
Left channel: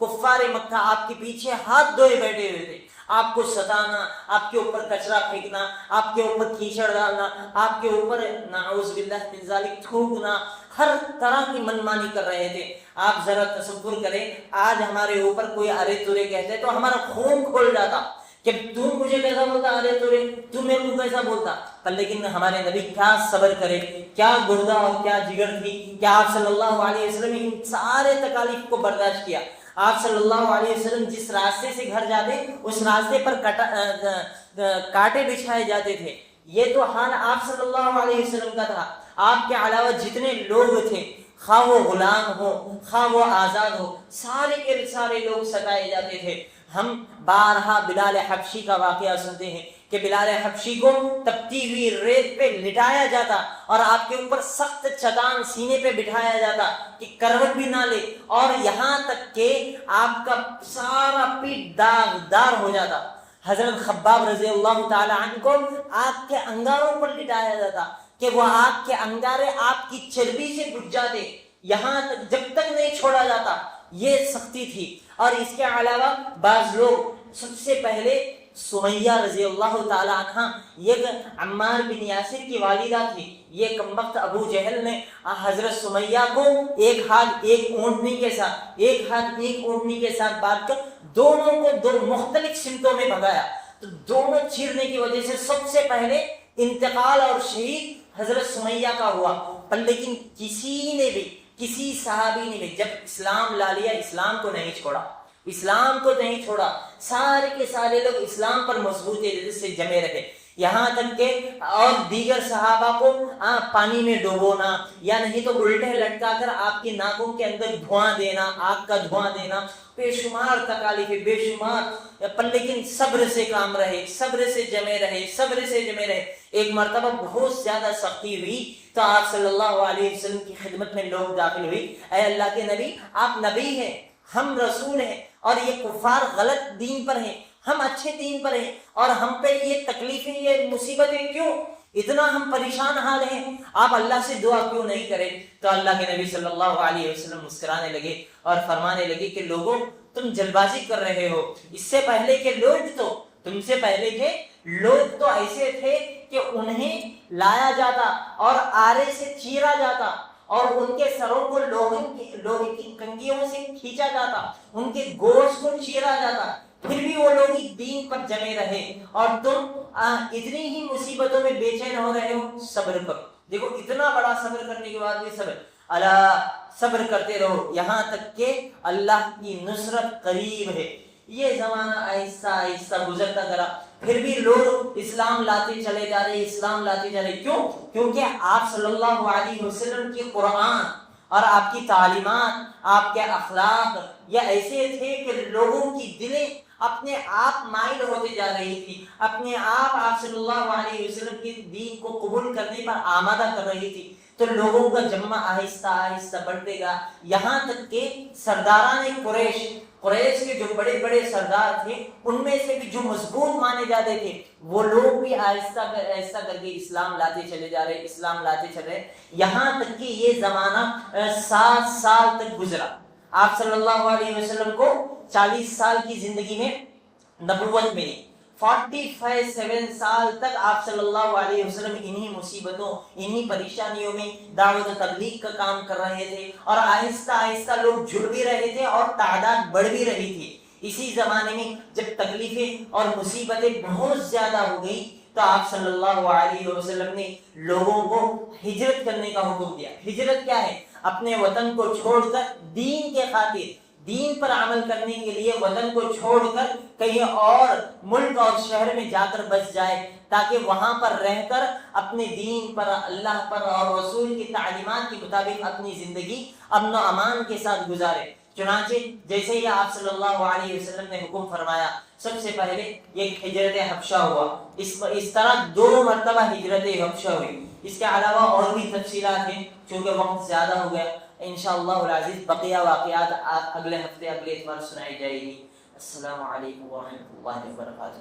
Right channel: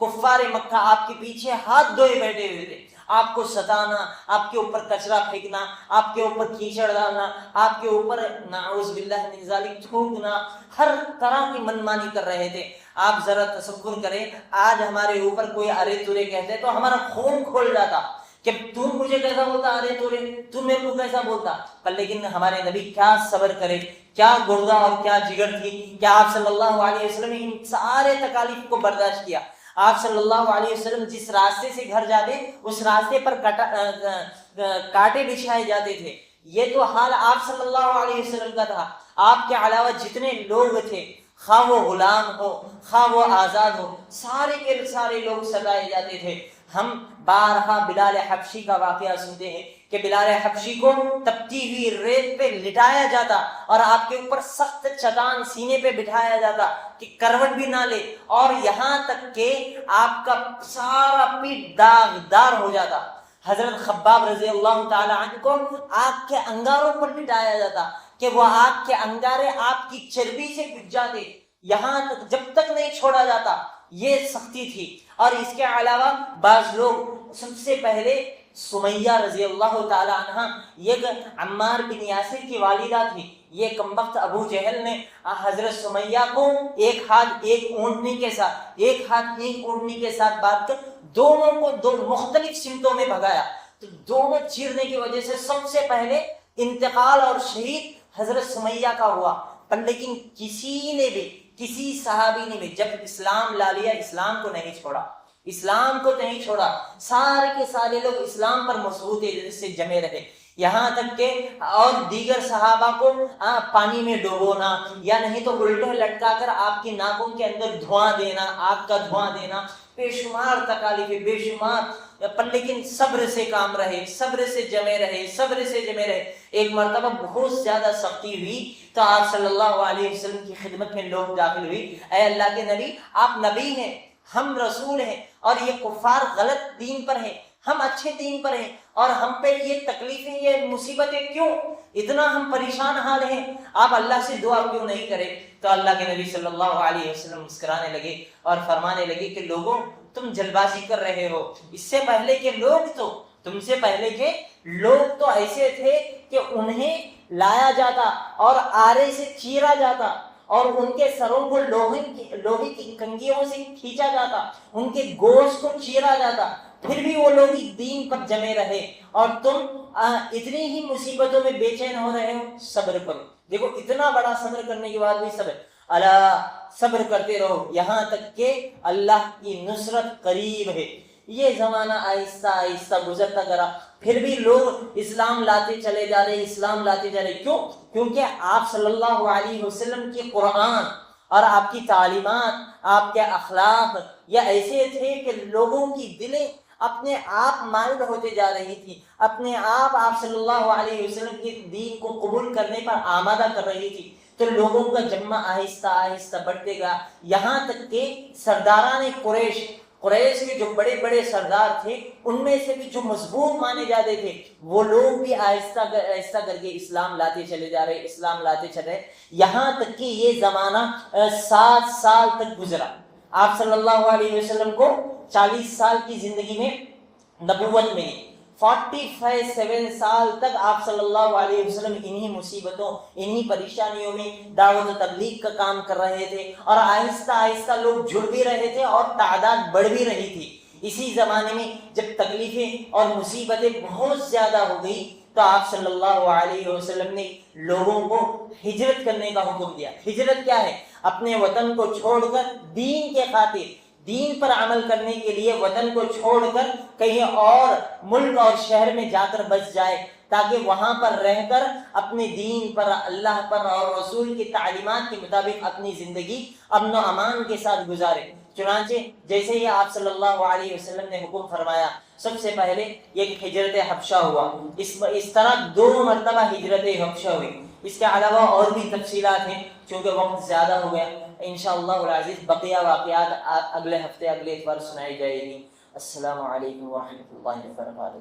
کفار مکہ آپ کے پیچھے ہاتھ دھوئے بیٹھے ہوئے تھے، آپ کو ستانا، آپ کے اوپر کچرا پھینکنا، آپ کے اوپر کیچڑ ڈالنا، آپ کے اوپر نعوذ باللہ من ذالک تھوکنا، ہر طرح کی منمانی کر رہے تھے۔ آپ ذرا تصور کریں، آج ہمارے اوپر کوئی ارے تورے کہتے تو ہمارا خون کھول جاتا کہ تم مجھے کیسا بولتا، ارے تورے تم میرے کو کیسا بولتا۔ پر لیکن ہمارے نبی کیا صبر کرے، کیا گردہ اور کیا جگر تھی کہ آپ صلی اللہ علیہ وسلم نے ان سارے تکالیف کو برداشت کیا۔ آپ صلی اللہ علیہ وسلم جس راستے سے گھر جاتے اس راستے پر کانٹے بچھائے جاتے تھے۔ یہ تو حال آپ صلی اللہ علیہ وسلم کا تھا۔ آپ کے علاوہ جتنے لوگ تھے، خواہ وہ غلام ہو خواہ وہ آزاد ہو، سارے کے سارے لوگ ستائے جاتے تھے۔ ہم بارہا بلال حبشی کا واقعہ سنتے ہیں کہ بلال حبشی کو تپتی ہوئی ریت پہ لٹایا جاتا اور آپ کے اوپر سخت چٹان سینے پہ بٹھایا جاتا کہ کروٹ بھی نہ لے، اور یہاں تک کہ آپ کا سارا پیٹ داغدار ہو جاتا۔ حضرت خباب رضی اللہ تعالی عنہ کو آگ کے انگاروں پر لٹایا جاتا کہ وہ آگ کے انگارے آپ کی چربی سے بجھ جاتے، یہاں تک جب تک نہیں چھوڑا جاتا۔ یہ سختی تھی۔ اور اس کے علاوہ بعض لوگ، سب سے پہلے سمیہ رضی اللہ تعالی عنہ، یہ عمار بن یاسر کی والدہ تھی۔ یہ کمبخت ابو جہل نے حضرت سمیہ کو ایک ہاتھ ایک اونٹنی کے ساتھ بانٹ کر دونوں کو دو مختلف سمتوں میں بھگایا۔ تو دونوں چیرنے کی وجہ سے سب سے پہلے انتقال اور شہید حضرت سمیہ کا ہوا۔ پر لیکن کسی صحابی نے بھی جب اسلام لا لیا، اسلام کو نہیں چھوڑا، سارے کے سارے لوگ اسلام پر مضبوط سے جمے رہے، یہاں تک کہ اور دیگر صحابہ کو پانی میں ڈوبونا یا نہیں تو الٹے لٹکا کر آپ کی ناکوں کے اندر دھواں دینا، آگ کا دھواں دینا، بے شمار تکالیف، بے شمار، پر لیکن صبر سے کام رہے، صبر سے جمے رہے۔ ایک مرتبہ بہت زیادہ سختی ہوئی تو آپ صلی اللہ علیہ وسلم کی خدمت میں لوگ داخل ہوئی، اے اللہ کے نبی، آپ نبی ہیں، ہم رسول ہیں، اور یہ کفار غلط دین پر ہیں، ہم اچھے دین پر ہیں، اور ہم پہ یہ تکلیفیں، یہ مصیبتیں کیوں؟ اتنا ہم پریشان حال ہیں، آپ اللہ سے دعا کیوں نہیں کریں؟ تو اللہ کے نبی صلی اللہ علیہ وسلم مسکرانے لگے اور فرمانے لگے کہ لوگوں تم جلد بازی کر رہے ہو، اس سے پہلے کے لوگ تو تم سے پہلے کے لوگ تو ایسے تھے کہ انہیں لایا جاتا اور آرے سے چیرا جاتا اور ان کے سروں کو لوہے کی کنگھیوں سے کھینچا جاتا، ان کے گوشت کو چیرا جاتا، پھر بھی وہ لوگ دین پر جمے رہے، اور تم اتنی ہی مصیبتوں میں بے چین ہو رہے ہو، صبر کرو۔ دیکھو اتنا بڑا صبر کرنے کے بعد بھی صبر، اللہ صبر کرتے رہو یہاں تک کہ اللہ کی نصرت قریب ہے۔ یہ زمانہ آہستہ آہستہ گزرتا گیا، پھر بھی لوگ اسلام لاتے چلے جا رہے، اسلام لاتے جا رہے۔ کیوں؟ کیونکہ آپ صلی اللہ علیہ وسلم کی قرآن اور آپ کی تعلیمات، آپ کے اخلاق یہ ایسے تھے کہ لوگوں کی دلیں اپنے آپ مائل ہوتے جا رہی تھی، اپنے آپ صلی اللہ علیہ وسلم کے دین کو قبول کرنے پر آمادہ کر رہی تھی، تو لوگوں کا جمع آہستہ آہستہ بڑھتے گا، یہاں تک کہ سرداران قریش کے جو بڑے بڑے سردار تھے، ان میں سے بھی جو مضبوط مانے جاتے تھے، وہ لوگ بھی آہستہ آہستہ کر کے اسلام لاتے چلے جا رہے، اسلام لاتے چلے رہے، یہاں تک کہ یہ زمانہ 7 سال تک گزرا۔ آپ صلی اللہ علیہ وسلم کو 40 سال کی زندگی میں نبوت ملی، 47 سال تک آپ صلی اللہ علیہ وسلم انہی مصیبتوں، انہی پریشانیوں میں دعوت و تبلیغ کا کام کر رہے تھے، اور آہستہ آہستہ لوگ جڑ بھی رہے تھے اور تعداد بڑھ بھی رہی تھی۔ اسی زمانے میں جب تکلیفیں اور مصیبتیں بہت زیادہ ہو گئی تو آپ صلی اللہ علیہ وسلم نے لوگوں کو ہجرت کرنے کا حکم دیا۔ ہجرت کیا ہے؟ اپنے وطن کو چھوڑ کر دین کے خاطر، دین پر عمل کرنے کے لیے وطن کو چھوڑ کر کہیں اور ملک اور شہر میں جا کر بس جائے، تاکہ وہاں پر رہ کر اپنے دین پر، اللہ پر اور رسول کی تعلیمات کے مطابق اپنی زندگی امن و امان کے ساتھ گزارے۔ چنانچہ جیسے ہی آپ صلی اللہ علیہ وسلم نے حکم فرمایا، سب سے پہلے ایک ہجرت حبشہ ہوا، اس طرح 2 مرتبہ ہجرت حبشہ ہوئی۔ اس کے علاوہ اور بھی تفصیلات ہیں، چونکہ وقت زیادہ ہو گیا، انشاءاللہ العزیز بقیہ واقعات اگلے ہفتے اگلے اتوار سنائی جائے گی۔ السلام علیکم ورحمۃ اللہ وبرکاتہ۔